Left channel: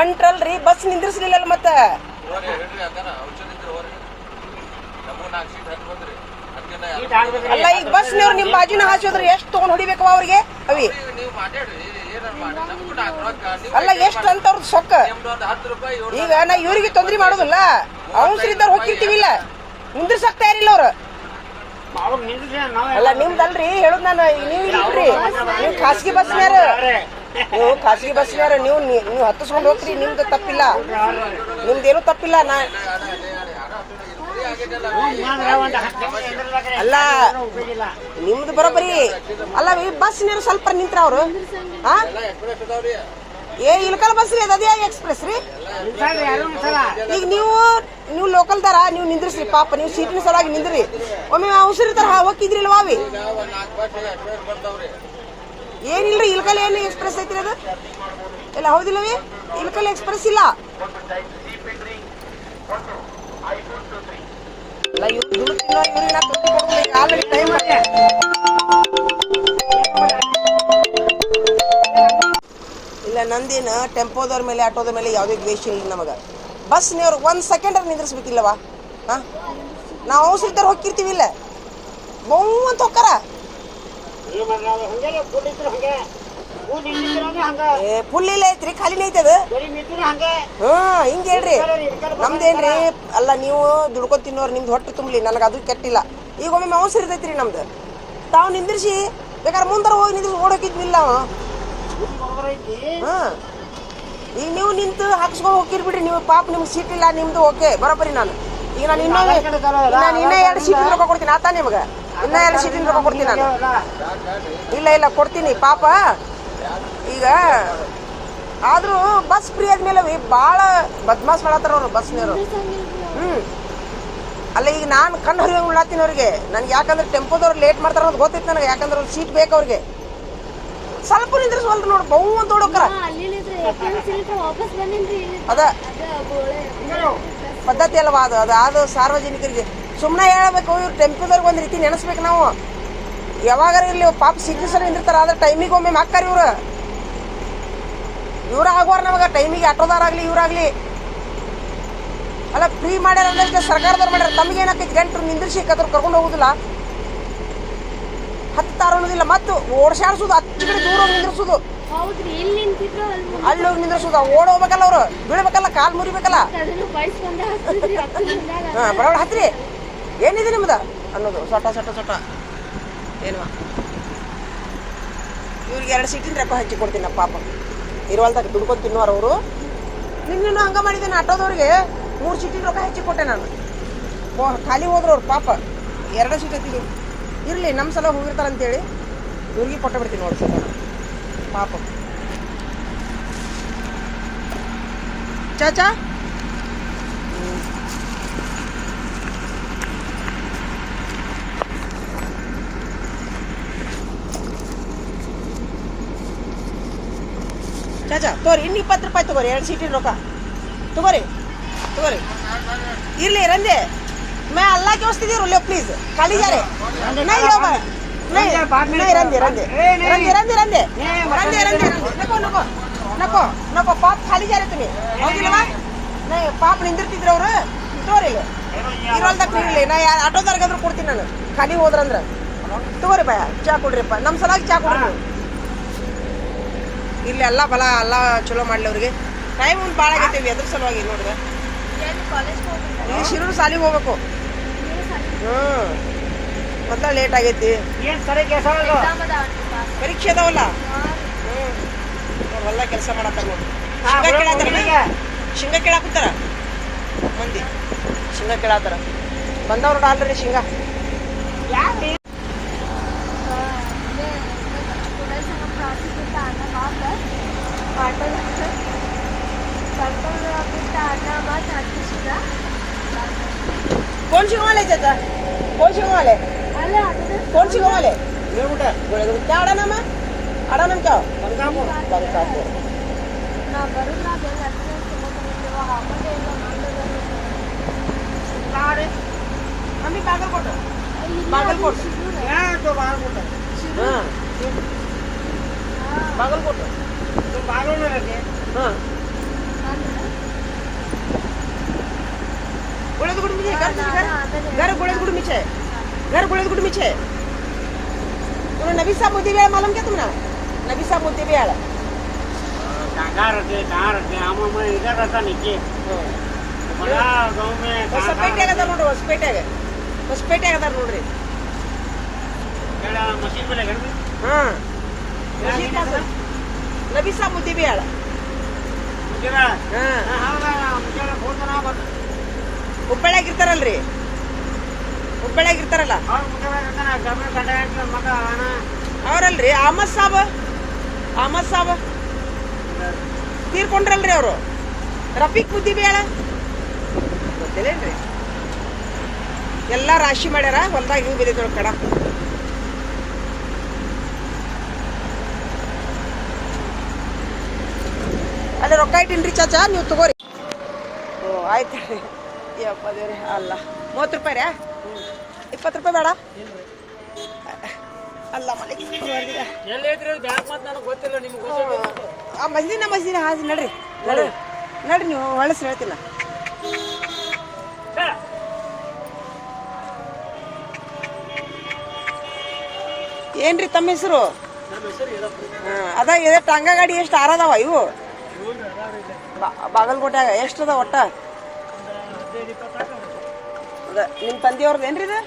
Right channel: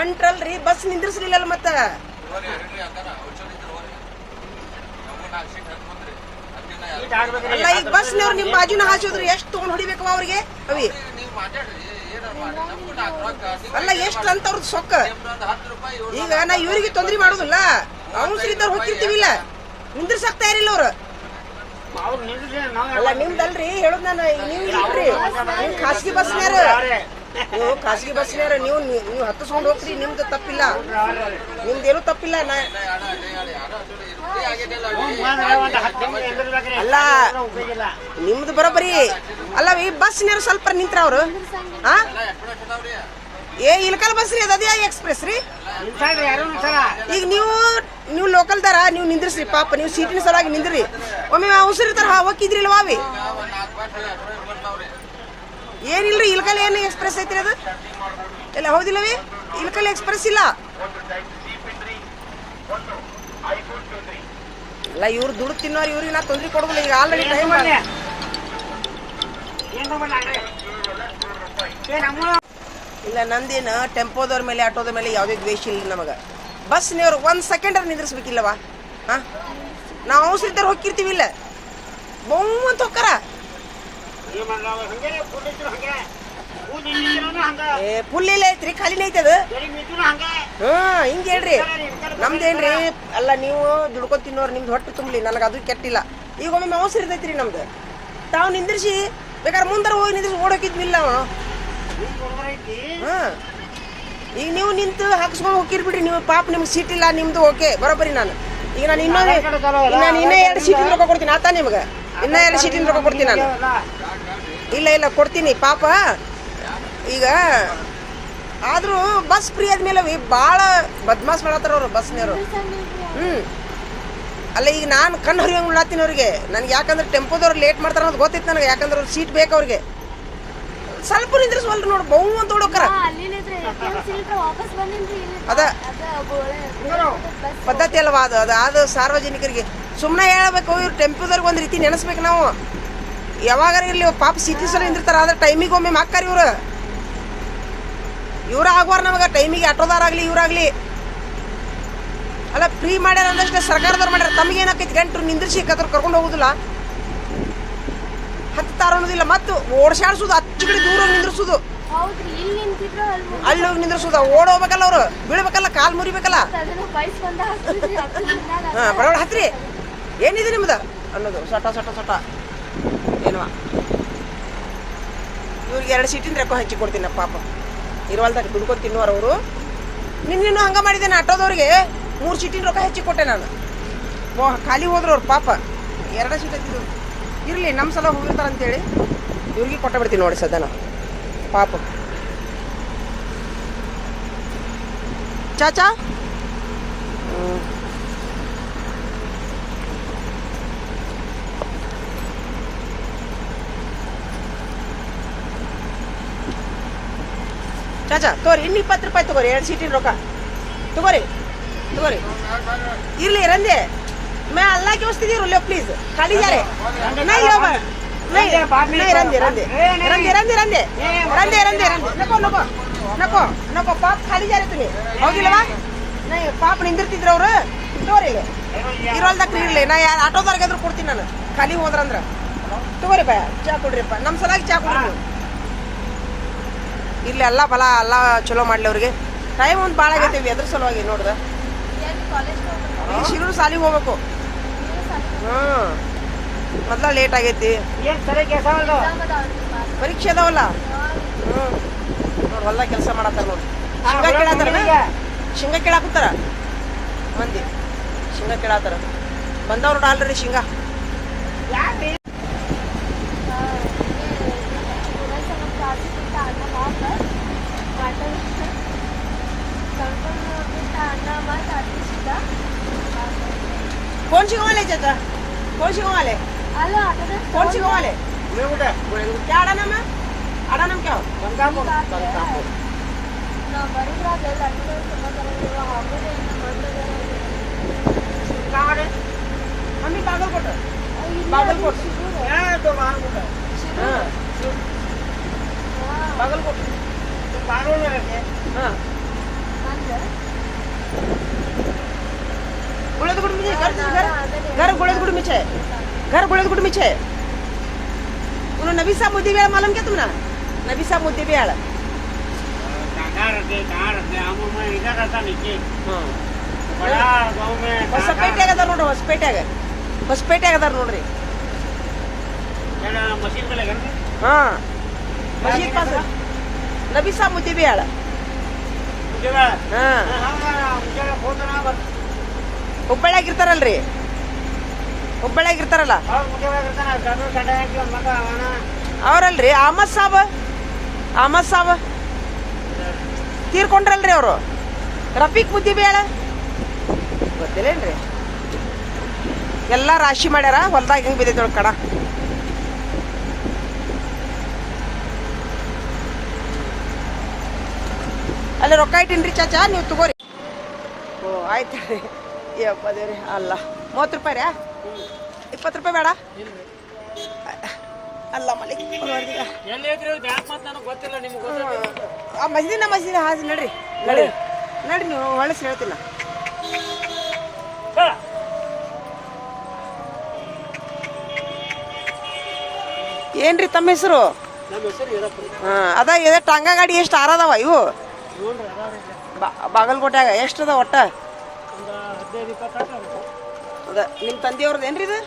ಒಂಟ್ರಲ್ರಿ bus ನಿಂದ್ರಿಸ್ಲಿಲ್ಲ ಮತ್ತ? ಅಲ್ಲ ಈಗ ಬಸ್ನವ್ರು ನಿಮ್ ಬಾಜಿನ ಹಾಸೋದ್ರ ಎಷ್ಟ್ ತಗೊಂಡ್ ಹೊಡಿಬೇಕು ಅವ್ರಿಗೆ? ಅವಿ. ಅಲ್ಲ ಎಷ್ಟ್ ಅಂತ ಅವ್ರದ್ದು ಸೊಕ್ಕ? ಈಗ ನಾ ಇವ್ರಿಗೆ ತೊಂದ್ರೆ ಮಾಡೋದಿಲ್ಲ. ಅವಸರಿದ್ದಾರ ಹೋಗಿರ್ತೀವಿಲ್ಲ ನಿಂದ್ರಿಸಕ್ ತಯಾರಿಲ್ಲ ಅವ್ರು. ಅಲ್ಲ ನಿಮ್ದಲ್ರಿ ಹೇಳುದ್ ನಾನು ನೀವು ಇಲ್ರಿ. ನೀವು ಖಾಸಗಿ ಬಸ್ನ್ಯಾರ ನೀವು ಖಾಸಗಿ ಬಸ್ನಾರ ನೀವು ನೀವು ಹತ್ತಿಸ್ಕೊಂಡು ಹೋಗ್ರಿ ನಿಮ್ದು ತಪ್ಪಿಲ್ಲ ನಿಮ್ದೇನು ತಪ್ಪಿಲ್ಲ, ನಾ. ಅಲ್ಲ. ನಿಮ್ದು ಬರೋಬ್ಬರಿ ಅಲ್ಲ, ಈ ಬಸ್ನ್ಯಾರ ಸ್ವಲ್ಪ ನಿಂತ್ರ ಅವ್ರು ಹಾ ಏ ಇಲ್ಕಲ್ ಬಸ್ ರೀ ಅದು ಎಕ್ಸ್ಪ್ರೆಸ್ ರೀ. ಈಗ ನೀವು ನೀವು ಲೋಕಲ್ ದಾರ, ನೀವು ನಿಂದ್ರಿಸ್ರಿ, ಪಾಪ, ನೀವು ಸೀಟಿನ ಸಲುವಾಗಿ ನಿಂದ್ರಿ ಒಮ್ಮೆ ಅವಸರ ಹೋಗಿದ್ರಿಲ್ವಾ ಅವಿ ಏನಿಲ್ರಿ? ಇಲ್ಕಲ್ ಏನು ಎಕ್ಸ್ಪ್ರೆಸ್ ಐತ್ರಿ ಅದು? ಇಲ್ಲ ಹೌದಿಲ್ಲವೇ ಇಲ್ಕಲ್ ಎಕ್ಸ್ಪ್ರೆಸ್ ಇಲ್ಲ. ಅಲ್ಲ, ಇವ್ರು ದುಡ್ಡು ತಿನ್ನೋ ಇವ್ರಿಗೆ ನಾ ತೊಂದರೆ ಕೊಡೋದಿಲ್ಲ, ಈಗ ಆಲ್ರೆಡಿ ಟೈಮ್ ಇಲ್ಲ, ನಂದಿನ, ಟೆಂಪೋದವ್ರ ಮೇಲೆ, ಆಟೋದ ಮೇಲೆ ಯಾವುದೇ ದ್ವೇಷ ಇಲ್ಲ ನಮಗೆ. ಬಸ್ನವ್ರು ಒಂದು ಸೆಕೆಂಡ್ ನಿಂದ್ರಿಸ್ಬೇಕಿಲ್ಲವಾ? ಹಾಂ? ನಾವು ಸಿದ್ಧರ್ ಹೋಗಿರ್ತೀವಿ ಇಲ್ಲ. ಅಂತ ಹೋಗ್ತಾರ ಏ ಫುಲ್ ಇಲ್ಲ ಐತ್ರಿ ಖಾಲಿನೇ ಐತದ. ಅದು ನಿಂತಿದ್ರು ಹಂಗೆ. ಹೇಳ್ರಿ. ನಮ್ದೇನ್ರಿ ಅಲ್ಲ ನೀವು ದುಡ್ಕೊ ತಿನ್ನೋರು ನಿಮ್ದು ಹೊಟ್ಟೆ ತುಂಬಲಿ ನನಗೆ ಅದು ಕೆಟ್ಟಿಲ್ಲ. ಈಗ ಒಮ್ಮೆ ಅವಸರ ಇರ್ತೈತ್ರಿ ನಮ್ದು. ತಾವು ನಿಂದ್ರಿಸಿ ಬೇಕಾದ್ರೆ ಮುಂದಾರ ಹೋಗಿ ನಿಂದ್ರಿಸಿ ಓಡೋಕಿದ್ವಿಲ್ಲ ಅವ. ಹಾ ಐತಿ. ಈಗ ನೀವು ನಿಂತು ಹಾಕಿಸ್ಕೊಂಡು ಹೋಗಿರ್ ಬಿಡ್ರಿ ನೀವು ಪಾಪ ನಿಮ್ಗೆ ಸೀಟ್ ಇಲ್ಲ ನಿಮ್ದು ಓಕೆ ಬರೋಬ್ಬರಿ ನಾನು. ಈಗ ನಾನು ಇನ್ನೂ ನಾನು ಇನ್ನೂ ಎರಡು ಸೀಟಿನ ರೊಕ್ಕ ಕೊಡ್ತೀನಿ ಆತ ನಿಮಗೆ. ಇನ್ನೂ ಎರಡು ಸೀಟಿನ ರೊಕ್ಕ ಕೊಡ್ತೀನಿ ನಾನು. ಇಲ್ಲ. ಇಲ್ಲ ಕೊಡ್ತೀನಿ ಪಾಪ. ಈಗ ಆದರೂ ಬಸ್ ಫ್ರೀ ಆದ್ಮೇಲೆ ಭಾಳ ಬದ್ಮಾಸ್ ಮಾಡತ್ತಾರ ಅವ್ರು ಬಸ್ನವರು ಹ್ಞೂ ಅಲ್ಲ ಈಗ ನಾನು ಕಣ್ಣು ಹರಿಯೋಂಗ್ ಉಣ್ಣಾತೀನಿ ಅವ್ರಿಗೆ. ನನಗೆ ಯಾಕಂದ್ರೆ ಟೆಂಪೋದವ್ರು ಲೇಟ್ ಮಾಡ್ತಾರೆ ಅಂತ ಗೊತ್ತಿತ್ತು ನನಗೆ. ಯಾಕಂದ್ರೆ ಅವ್ರು ಸೀಟ್ ಬೇಕು ಅವ್ರಿಗೆ. ಸ್ವಲ್ಪ ನಿಂದ್ರಿಸ್ವಲ್ರಿ ನೋಡಿ ಬಹು ಅಂತ ಹೊಡೋಕರ. ಅದ. ಪದ್ಧತಿ ಅಲ್ವಾ ಅದು? ಅದು ಅದು ಸಾರ್ವಜನಿಕರಿಗೆ. ಸುಮ್ಮನೆ ಹೇಳಬೇಕು ಇವ್ರು ಟೆಂಪೋದವ್ರಿಗೆ ಒಂದು ರೀತಿ ನೆನೆಸ್ಬೇಕು ನಾವು. ಯಾವಾಗಾರ ಇಲ್ಲಿ ಪಾಪ ಸಿಟಿ ಸಲ ನಿಂದಿರ್ತಾರ ಆದ್ರೆ ಟೈಮಿಗೆ ಒಮ್ಮೆ ಮಾಕ್ಕಾರ ಇವ್ರು. ಇವ್ರ ಆಗುವಾರ ನಮಗ ಟೈಮಿಗೆ ಆಟೋದಾರಾಗ್ಲಿ ಇವ್ರಾಗ್ಲಿ ಅಲ್ಲ ಫ್ರೀ ಮಾಡ್ಯಾರ ಅಂದ್ರೆ ಸರ್ಕಾರದವ್ರು ಮಾಡ್ಯಾರ ತಮಗೆ ಏನಾಕೈತಿ? ಗಂಟು ನಿಂದಿರ್ಸಿ ಕತ್ರ ಕರ್ಕೊಂಡು ಹೋಗುದಿಲ್ಲ. ಹತ್ತಾರ ಅನ್ನೋದಿಲ್ಲ ಮತ್ತು ಓಡ್ಸಾಡ್ಸೋದು ಹತ್ತು ಕಡೆ ದೂರ ನಿಂದ್ರಿಸೋದು. ಅಲ್ಲಿ ಹೋಗಿ ನಿಂದ್ರಿಸೋದು ಓಡೋಗ್ಬೇಕಲ್ಲ ಹೋಗ್ಬೇಕಲ್ಲ ಅವ್ರು ಬೀಳ್ಬೇಕಲ್ಲ ಕಾಲ್ ಮುರಿಬೇಕಲ್ಲ. ಬರೋಣ ಹತ್ರಿ ಏನಿದೆ ನಿಮ್ದು? ಅನ್ನೋದು ಸೊಟ ಸೊಟ ಸೊಟ. ಇವ್ರಿಗೆ ಎರಡು ಸೀಟಿನ ರೊಕ್ಕ ಹಂಚಿ ಕೊಡ್ತೀನಿ ಪಾಪ. ಇರುವಲ್ದಾಗ ದುಡ್ಕೊಂಡು ತಿನ್ನುವರು ಅವರು. ನಿನ್ನೇನು ಹಂಗ ಮಾಡಿದ್ದೇನೆ ಆಟೋದವ್ರಿಗೆ ಮೂರು ಸೀಟಿನ ರೊಕ್ಕ ಹೆಚ್ಚಿ ಕೊಟ್ಟೆ ನಾನು. ಖಾಲಿ ಹೋದ್ರು ಅವ್ರು ಪಾಪ. ಎರಡು ಸೀಟ್ ಹತ್ತಿದ್ರು ಇರಲಿ ನಮ್ಮ ಸಲ ಹೋಗಿರ್ತಾರೆ ಅಂತೇಳಿ. ಇವ್ರಿಗೆ ಕೊಟ್ಟ ಬಿಡ್ತೀನಿ ನೋಡಿ ಸದನ ಪಾಪ. ಚಾಚಾ? ಚಾಚಾ ತಗೋರಿ ಇನ್ನು ಇಪ್ಪತ್ತು ರೂಪಾಯಿ ತಗೋರಿ ಎರಡು ಸೀಟಿನ ರೊಕ್ಕ ತಗೋರಿ ತಗೋರಿ ಇರ್ಲಿ ರಂದೆ मैं अल्लाह के वास्ते दे रहा हूँ प्लीज खाली जा रहे नहीं लो मैं नहीं नहीं रंदे रंदे रंदे रंदे रंदे रंदे रंदे नको नको नको नको ಪಾಪ ಖಾಲಿ ಜಾರೆ तुम्ही ಹೌದಿಲ್ಲವಾ नहीं ಪಾಪ ನಿಂದಿರ್ತಿದ್ರು ಅವ್ರು ತಗೋರಿ ಇಲ್ಲಿ ಇರೋಲ್ದಾಗ ಇರ್ಲಿ ನಾ ಯಾರು ಆಟೋದವ್ರಿಗೆ ಎದ್ರು ಕೊಡ್ತೀನಿ ನಾನು ಖಾಲಿ ಹೋದ್ರಂದ್ರ ತಗೋರಿ ಬಾ ಚಾ ಕೊಡ್ರಿಪ್ಪ ನಮ್ಮ ಸಲಾಗಿ ಚಾ ಕೊಡ್ರಿ ನೀವು. ಬಲ ಎಲ್ಲ ಚಲೋ ಮಾಡ್ಲಿ ಅವ್ರಿಗೆ ಟೈಮ್ ಒಂದು ಭಾಳ ಆಗೈತಿ ಎದ್ರ ಸಲುವಾಗಿ ನೋಡ್ದೆ. ಈ ಶಿರೂರು ಸಾಲಿಗೆ ಹೋಗ್ಬೇಕು. ಹ್ಮ್. ಮೊದ್ಲ ಲೇಟ್ ಆಗೈತಿ. ಏನ್ ಸರಿ ಕೆಲಸ ಮಾಡಲು ಪರೀಕ್ಷೆ ಅದಾವಲ್ಲ? ಹ್ಮ್. ನೋಡಿ ಹೊಲ್ದಾಗ ಕೆಲಸ ಮಾಡತ್ತಾರ ನೋಡಿ. ಶೇಂಗಾ ಕೇಳತ್ತಾರ. ಶೇಂಗಾ ಕೇಳಾಕತ್ತಾರ? ಮಂದಿ. ಶೇಂಗ ಕೇಳತ್ತಾರ ಬಂದವ್ರು ಆಲ್ರೆಡಿ ಶೇಂಗಾ. একটা হাফ আর পার্পল হচ্ছে পার্পল রঙেরটা আমরা আবার কাটতেছিলাম কোন শিখমালে যেটা? কোন শিখমালে কোন শিখমালে গোটা গোটা क्या आड़ा नाम है आड़ा नाम क्या हो আমি পাগল কোটা পাগল কোটা হ্যাঁ তো বাহার কোটা হ্যাঁ। पागल को तुम पागल में रखे हाँ गोड़ेदगुड़ में घर गोड़ेदगुड़ में छे घर गोड़ेदगुड़ में छे उन्होंने नबी साहब मोदी भी मालूम क्या तुमने नबी साहब मोदी भी आला कहाँ रहते कहाँ रहते हम हम इधर रहता नीचे बड़ा गाँव में ಹೊಸಪೇಟೆ ಆಗದ ನೋಡ್ರಿ ಹೊಸಪೇಟೆಗೆ ಹೊಸಪೇಟೆ ಆಗದಾರ ನೋಡ್ರಿ ಮಸೀದ್ ಮೇಲೆ ಹಾಂ ನಬಿಸ ಮುದಿಬೇಳ ಹುಬ್ಬಳ್ಳಿಯಾಗ ಇರ್ತಾರಲ್ರಿ ಹುಬ್ಬಳ್ಳಿಯಾಗ ಇರ್ತಾರಲ್ಲ ಅವ್ರಲ್ರಿ, ಅಹಮದ್ ಸಾಬ್. ಅಹಮದ್ ಸಾಬ್. ತೀರ್ಕೊಂಡ್ರಲ್ರಿ ಅವರು. ರಫೀಕ್ ಮುದ್ದಿಬೇಳ ಗೊತ್ತಿಲ್ಲೇನ್ರಿ? ಎಲ್ಲ ರಾಶಿ ಮಾಡ್ಯಾರ, ಹೊಲ್ದಾಗ ಹಿಂಗೆ ಬಿದ್ದೈತೆ ಕಡ. ಅಲ್ಲಿ ರೊಕ್ಕ ಇಟ್ಟಿನ್ರಿ ಚಾಚಾ ನೀವು ತಗೋರಿ. ಓ ಆಯ್ತು. ಅಲ್ಲ. ಮೂವತ್ತು ರೂಪಾಯಿ ರೀ? ಇಪ್ಪತ್ತು ರೂಪಾಯಿ ಬೇಡ? ಅಲ್ಲ ಆ ಮಸ್ಜಿನ ಮಸ್ಜಿನ ಹಾಜಿ ನಡ್ರಿ. ನಡ್ರಿ. ನೀವು ಹೊಳಸ್ ಹೇಳ್ತಿಲ್ಲ ಏನ್ರಿ ತಮ್ಮ ಹೆಸರು? ಅದ ಇದೆ ಟಾಂಗಾ ಗಾಡಿ ಎಷ್ಟು ಆರದವ ಇವು? ಬಾಗಲಕೋಟ್ಯಾಗ ಎಷ್ಟದ ಒಟ್ಟ? ಅದ ನಿಮ್ಮ ತಂದೆಯವ್ರದ್ದು ಏನ್ರಿ ಇದು?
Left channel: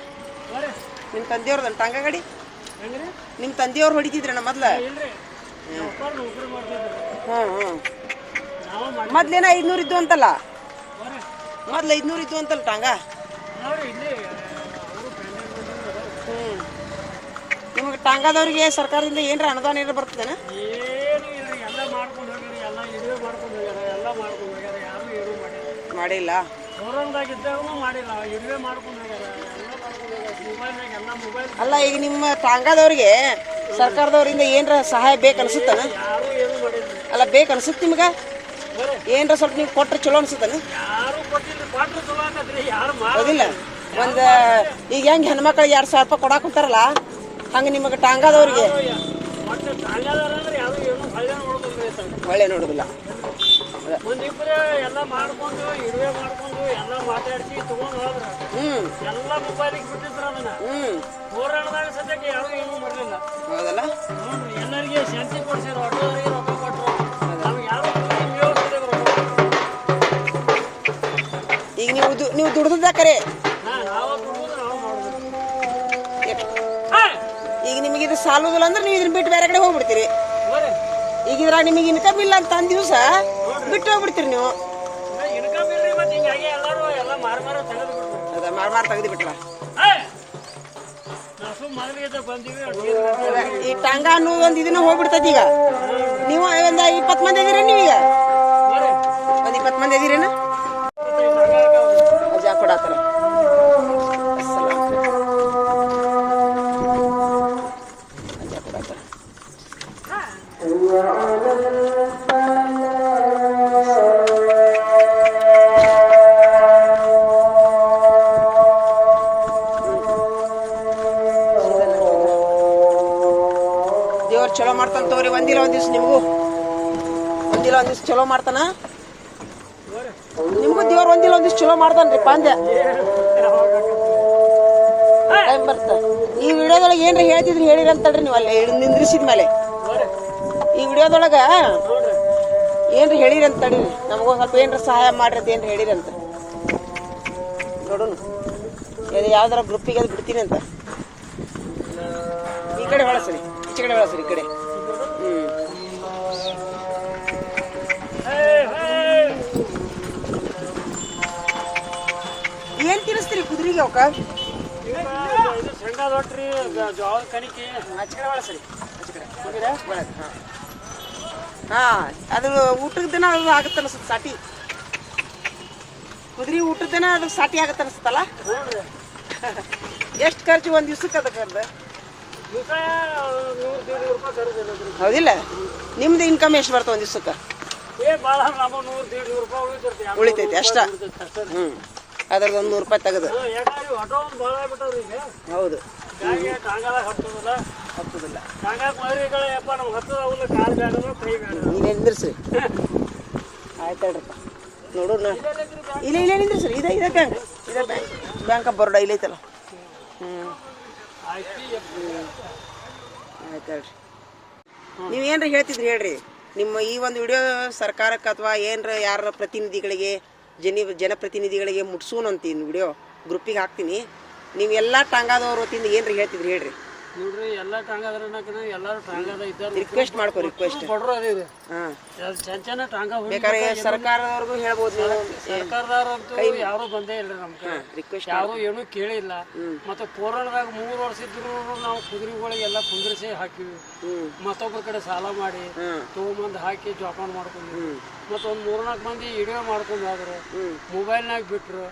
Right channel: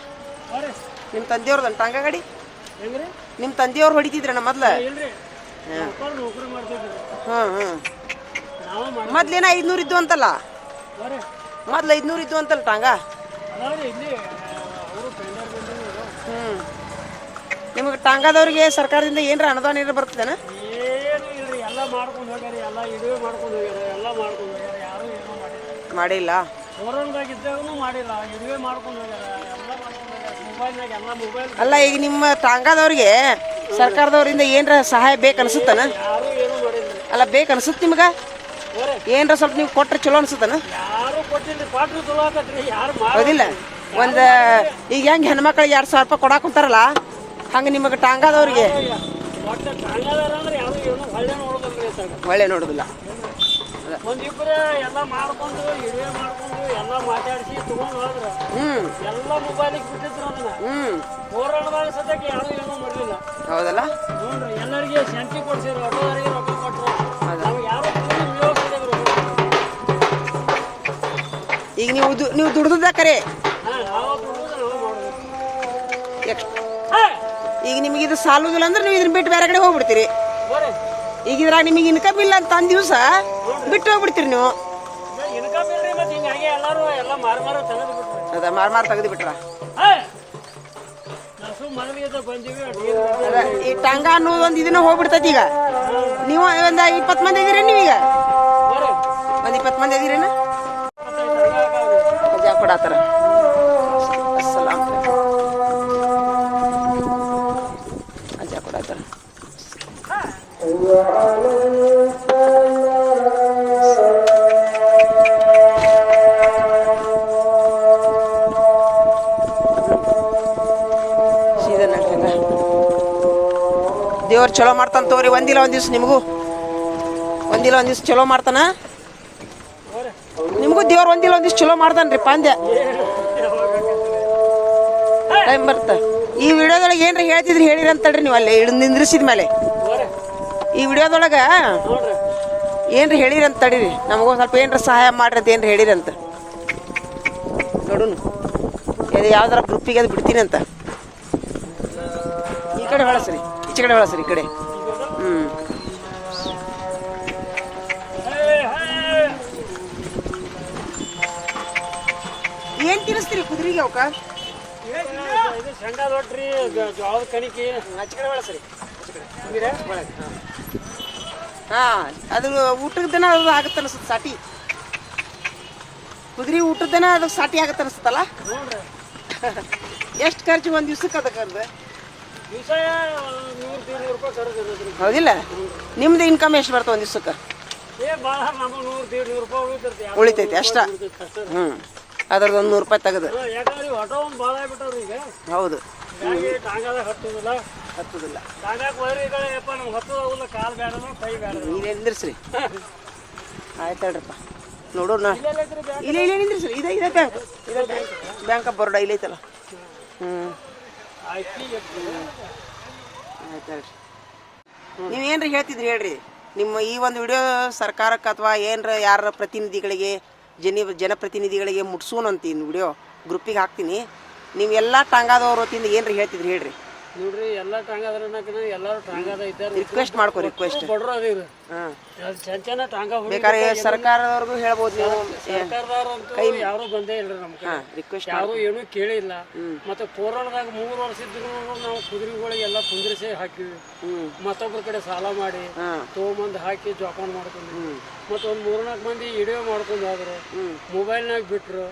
ನಿಮ್ಮ ತಂದೆಯವ್ರದ್ದು ಟಾಂಗ ಗಾಡಿ? ನಿಮ್ಮ ತಂದೆಯವ್ರು ಹೊಡಿತಿದ್ರಣ್ಣ ಮೊದ್ಲ? ನಾವು ಮಾಡಿ ಮೊದ್ಲೇನ ಐದ್ನೂರು ಇದ್ದು ಅಂತಲ್ಲ? ಮೊದ್ಲ ಐದ್ನೂರು ಇದ್ದು ಅಂತಲ್ಲ ಟಾಂಗ? ಹ್ಞೂ ನಿಮಗೆ ಟಾಂಗಾದವ್ರಿಗೆ ಸರ್ಕಾರದಿಂದ ಏನ್ರ ಅನುದಾನ ಏನಾರ ಬರ್ತದೇನ ಏನು ಇಲ್ರಿ ಎಲ್ಲ ಮಾಡ್ಕೊಂಡು ಹೋಗ್ಯಾರ ಎಲ್ಲ ಇದುವೇ ಮಾಡ್ಕೊಂಡು ಹೋಗ್ಯಾರ ಎಲ್ಲ ಮಾಡ್ಕೊಂಡು ಹೋಗ್ಯಾರ ಯಾರು ಏನು ಮಾಡಿಲ್ಲ ಮಾಡ್ಕೊಂಡು ಅಲ್ಲ ಈಗ ನಿಮ್ಮ ಟಾಂಗಾದವ್ರಿಗೆ ಸರ್ಕಾರದವರಿಂದ ಏನರ ಸಹಾಯ ಬೇಕು ಅನ್ಸುತ್ತನ ಯಾರು ಏನು ಮಾಡಿಲ್ಲ ಅಲ್ಲ ಬೇಕು ಅನ್ಸುತ್ತೆ ನಿಮ್ಗ ಏನರ ಸ್ವಲ್ಪ ನೀವು ಕೊಟ್ರೆ ಚಲೋ ಅನ್ಸುತ್ತಾನ ಹೌದಿಲ್ಲ ಒಂದ್ ಈಗ ಹೆಂಗ್ ಹೆಣ್ಮಕ್ಳಿಗೆ ಎರಡು ಸಾವಿರ ರೂಪಾಯಿ ಕೊಡಾಕ್ ಕುಂತಾರಲ್ಲ ಹಂಗ ನಿಮಗೆ ಟಾಂಗಾದವ್ರಿಗೆ ಒಳ್ಳೆ ನೋಡುದಿಲ್ಲ ಒಂದಿಬ್ರು ಎಲ್ಲ ಮಾಡ್ಕೊಂಡು ಇರುವೆ ಮಾಡ್ಕೊಂಡು ಎಲ್ಲ ಮಾತಾಡಿಸಿ ತಗೊಂಡು ಹೋದ್ರ. ಹ್ಮ್. ಎಲ್ಲ ಮೊಬೈಲಿಗೆ ಬಿಟ್ಟಿದ್ರು ಅದನ್ನ. ಹ್ಮ್. ಹೋರಾಟದಾಗ ಸದ್ಯಕ್ಕೆ ಯಾರು ಏನೂ ಮಾಡಲಿಲ್ಲ. ಹೌದಲ್ಲ? ನೋಡ್ರಿ ಎಲ್ಲರಿಗೆ ಶಾಂತಿ ಕೊಡ್ಸಿರು ಆಟೋದವರಿಗೆ ರೊಕ್ಕ ಕೊಟ್ಟರು ನಮ್ಗೆ ಯಾರು ಈಗ ನೀವು ನೀವು ದುಡ್ದದ ಕರೆ? ನಾವು ನಾವು! ಈಗ ನಿಮಗೆ ಇದು ಸಾಲೋದಿಲ್ಲ ಅಂದ್ರೆ ನೀವು ಇದನ್ನ ಬಿಟ್ಟು ಬೇರೆ ಕಡೆ ಹೋಗ್ಬಿಡ್ತೀರಿ. ಬಿಡ್ತೀರಿ ಈಗ ಇದ್ರಾಗ ನಿಮಗೆ ಇನ್ಕಮ್ ಇಲ್ಲ ಅಂತ ಅಂದ ದಿವಸ ಬಿಟ್ಟು ಹೋಗ್ಬಿಡ್ತೀರಿ ನೀವು. ಮಾರು ಮಾರು ತೆಗೆದು ಈ ಟಂಗ ಅನ್ನೋದು ಒಂದು ಇದನ್ನ ಹೋಗ್ಬಿಡ್ತೈತಿ ಈಗ. ನೀವು ಒಂದ್ ಇಪ್ಪತ್ತು ಮಂದಿ ಇದೀರ ನೀವೀಗ? ಒಂದ್ ಇಪ್ಪತ್ತು ಮಂದಿ ಇದೀರೇನ? ದಿವ್ಸ ನಿಮಗೂ ಒಂದಿಲ್ಲ, ಒಂದ್ ದಿವ್ಸ ಚಲೋ ಮಾಡ್ತಾನ? ನಿಮಗೂ ದೇವ್ರ ಒಂದಿಲ್ಲ, ಒಂದ್ ದಿವ್ಸ ಚಲೋ ಮಾಡ್ತಾನ್ರಿ, ಪಾಂದ್ಯ. ಟೈಮ್ ಬರ್ತ. ಈ ವಿಡಿಯೋದೊಳಗೆ ಏನ್ರಿ ಹೇಳ್ತಿದ್ರಿ, ಹೇಳಿರಿ ನೀವು ಅಲ್ಲೇ, ಇಳಿದ್ ನಿಂದ್ರಿಸಿದ ಮೇಲೆ. ಈ ವಿಡಿಯೋದೊಳಗ ಏನ್ರಿ ಹೇಳಿರಿ ಅಂತ ತಡೀರಿ. ನಮಗೂ ಸ್ವಲ್ಪ ಏನ್ರ ಸಹಾಯ ಮಾಡ್ರಿ ಅಂತ ಏನ್ರಿ ಹೇಳಿರಿ ಅಂತ. ನೋಡೋಣ ಅದು ಯಾವ್ದಾರ ಗ್ರೂಪಿಗೆ ಅದು ಬಿಡ್ತೀನಿ ಅಂತ. ಈ ಕಡೆ ಬಳಸ್ರಿ ಈಚೆ ಕಡೆ ಬಳಸ್ರಿ ಈ ಕಡೆ. ತಿನ್ನಿಸ್ತೀರಿ ಕುದುರೆಗೆ ಅವಕ್ಕ? ಇದು ಶೇಂಗಾ ಜ- ಜೋಳದ ಕಣಿಕಿ ಆಚೆ ಕಡೆ? ಒಳಗೆ, ಹಾ ಅದು ಊಟದ ದಿನ ಅದು ಆಗತ್ತೆ ಅನ್ಸುತ್ತೆ ಸಾಟಿ. ಕುದುರೆ ಊಟದ ದಿನ ಅದು ಸಾಟಿ ಆಗತ್ತೆ ಅನಿಸುತ್ತಲ್ಲ? ಎಷ್ಟು ಖರ್ಚು ಒಂದ್ ದಿವ್ಸಕ್ಕೆ ಅದಕ್ಕೆ ಖರೀದಿರೋದ್ರಿ ಹೌದಿಲ್ಲ? ನಿಮ್ದು ಇನ್ಕಮ್ ಎಷ್ಟು ಬರ್ತವೆ ಒಂದ್ ದಿವ್ಸಕ್ಕೆ? ಉಳಿತೈತಿ ಅಷ್ಟ. ಹ್ಮ್. ಅದ್ರದ್ದು ಒಂದು ನೂರು ರೂಪಾಯಿ ತೆಗೆದು. ಹೌದು. ಹತ್ತೋದಿಲ್ಲ. ನೀವೇ ನಿಂದ್ರಿಸ್ರಿ. ಆಯ್ತು ಹೇಳ್ರಪ್ಪ ನೋಡು ನಾ? ಇಲ್ಲ ಇಲ್ಲ ನಿಂದ್ರಿಸ್ರಿ. ಇದೇ ಇದೇ ಬ್ಯಾಂಕ್. ಇದೇ ಬ್ಯಾಂಕ್. ಬ್ಯಾಂಕ್ ಆಫ್ ಬರೋಡ ಇಲ್ಲೈತಲ್ಲ. ಹ್ಮ್. ಆಯ್ತು ಹೇಳ್ರಿ. ನೀವು ಏನ್ರಿ ಹೇಳ್ತಿದ್ರಿ ಹೇಳ್ರಿ? ನಿಮ್ಮ ಈ ಒಂದು ವಿಡಿಯೋ ಸರ್ಕಾರಕ್ಕೆ ಅಥವಾ ಏನ್ರ ಯಾರ ಪ್ರತಿನಿಧಿಗಳಿಗೆ ಜನಿ ಜನಪ್ರತಿನಿಧಿಗಳಿಗೆ ಮುಟ್ಸೋಣ ಅಂತೀನಿ ವಿಡಿಯೋ ಗ್ರೂಪಿಗೆ ಹಾಕ್ತೀನಿ. ನೀವು ಎಲ್ಲ ಹೊತ್ತಿಂದ ವತಿಯಿಂದ ಏನ್ರಿ ಹೇಳ್ತಿದ್ರಿ ಹೇಳ್ರಿ. ನೋಡ್ರಿ ಎಲ್ಲ ಟಾಂಗಾದ್ರ ಎಲ್ಲಾರು ಟಾಂಗಾದ ಇದ್ದಾರೆ ರಿಕ್ವೆಸ್ಟ್ ಮಾಡ್ಕೊ ರಿಕ್ವೆಸ್ಟ್ ಬಡ್ರು ಅದೀವಿ ಹಾಂ. ಚೆನ್ನ ಚೆನ್ನ ಟಾಂಗ ಬೇಕಾದ್ರೆ ಸರ್ಕಾರದವ್ರಿಗೂ ಹೇಳ್ಬೋದು ಸರ್ಕಾರದವ್ರಂತೂ ಯಾರು ಬಂದೇ ಇಲ್ರಿ ನಮ್ ಕಡೆ. ರಿಕ್ವೆಸ್ಟ್ ಯಾರು ಏನೂ ಕೇಳಿಲ್ಲ. ಮತ್ತೆ ಕೋರಳದಾಗ ಮೂರು ವರ್ಷ ಇದ್ರು ನಾವು ಕುದುರೆಗಳಿಗೆ ಎಲ್ಲ ಕುಂದ್ರಿಸಿ ಹಾಕಿವಿ. ಮತ್ತೊಬ್ಬರ ಕಡೆ ಸಾಲ ಮಾಡಿ ತೊಗೊಂಬಂದು ಹಾಕಿ ಜೋಪಾನ ಮಾಡ್ಕೊಂಡ್ವಿ. ಮತ್ತೆ ಒಂದ್ ಮೂರ್ನಾಲ್ಕು ಮಂದಿ ವಿಡಿಯೋ ಮಾಡ್ಕೊಂಡು ಹೋದ್ರು. ಮೊಬೈಲ್ನಾಗ ಬಿಟ್ರು.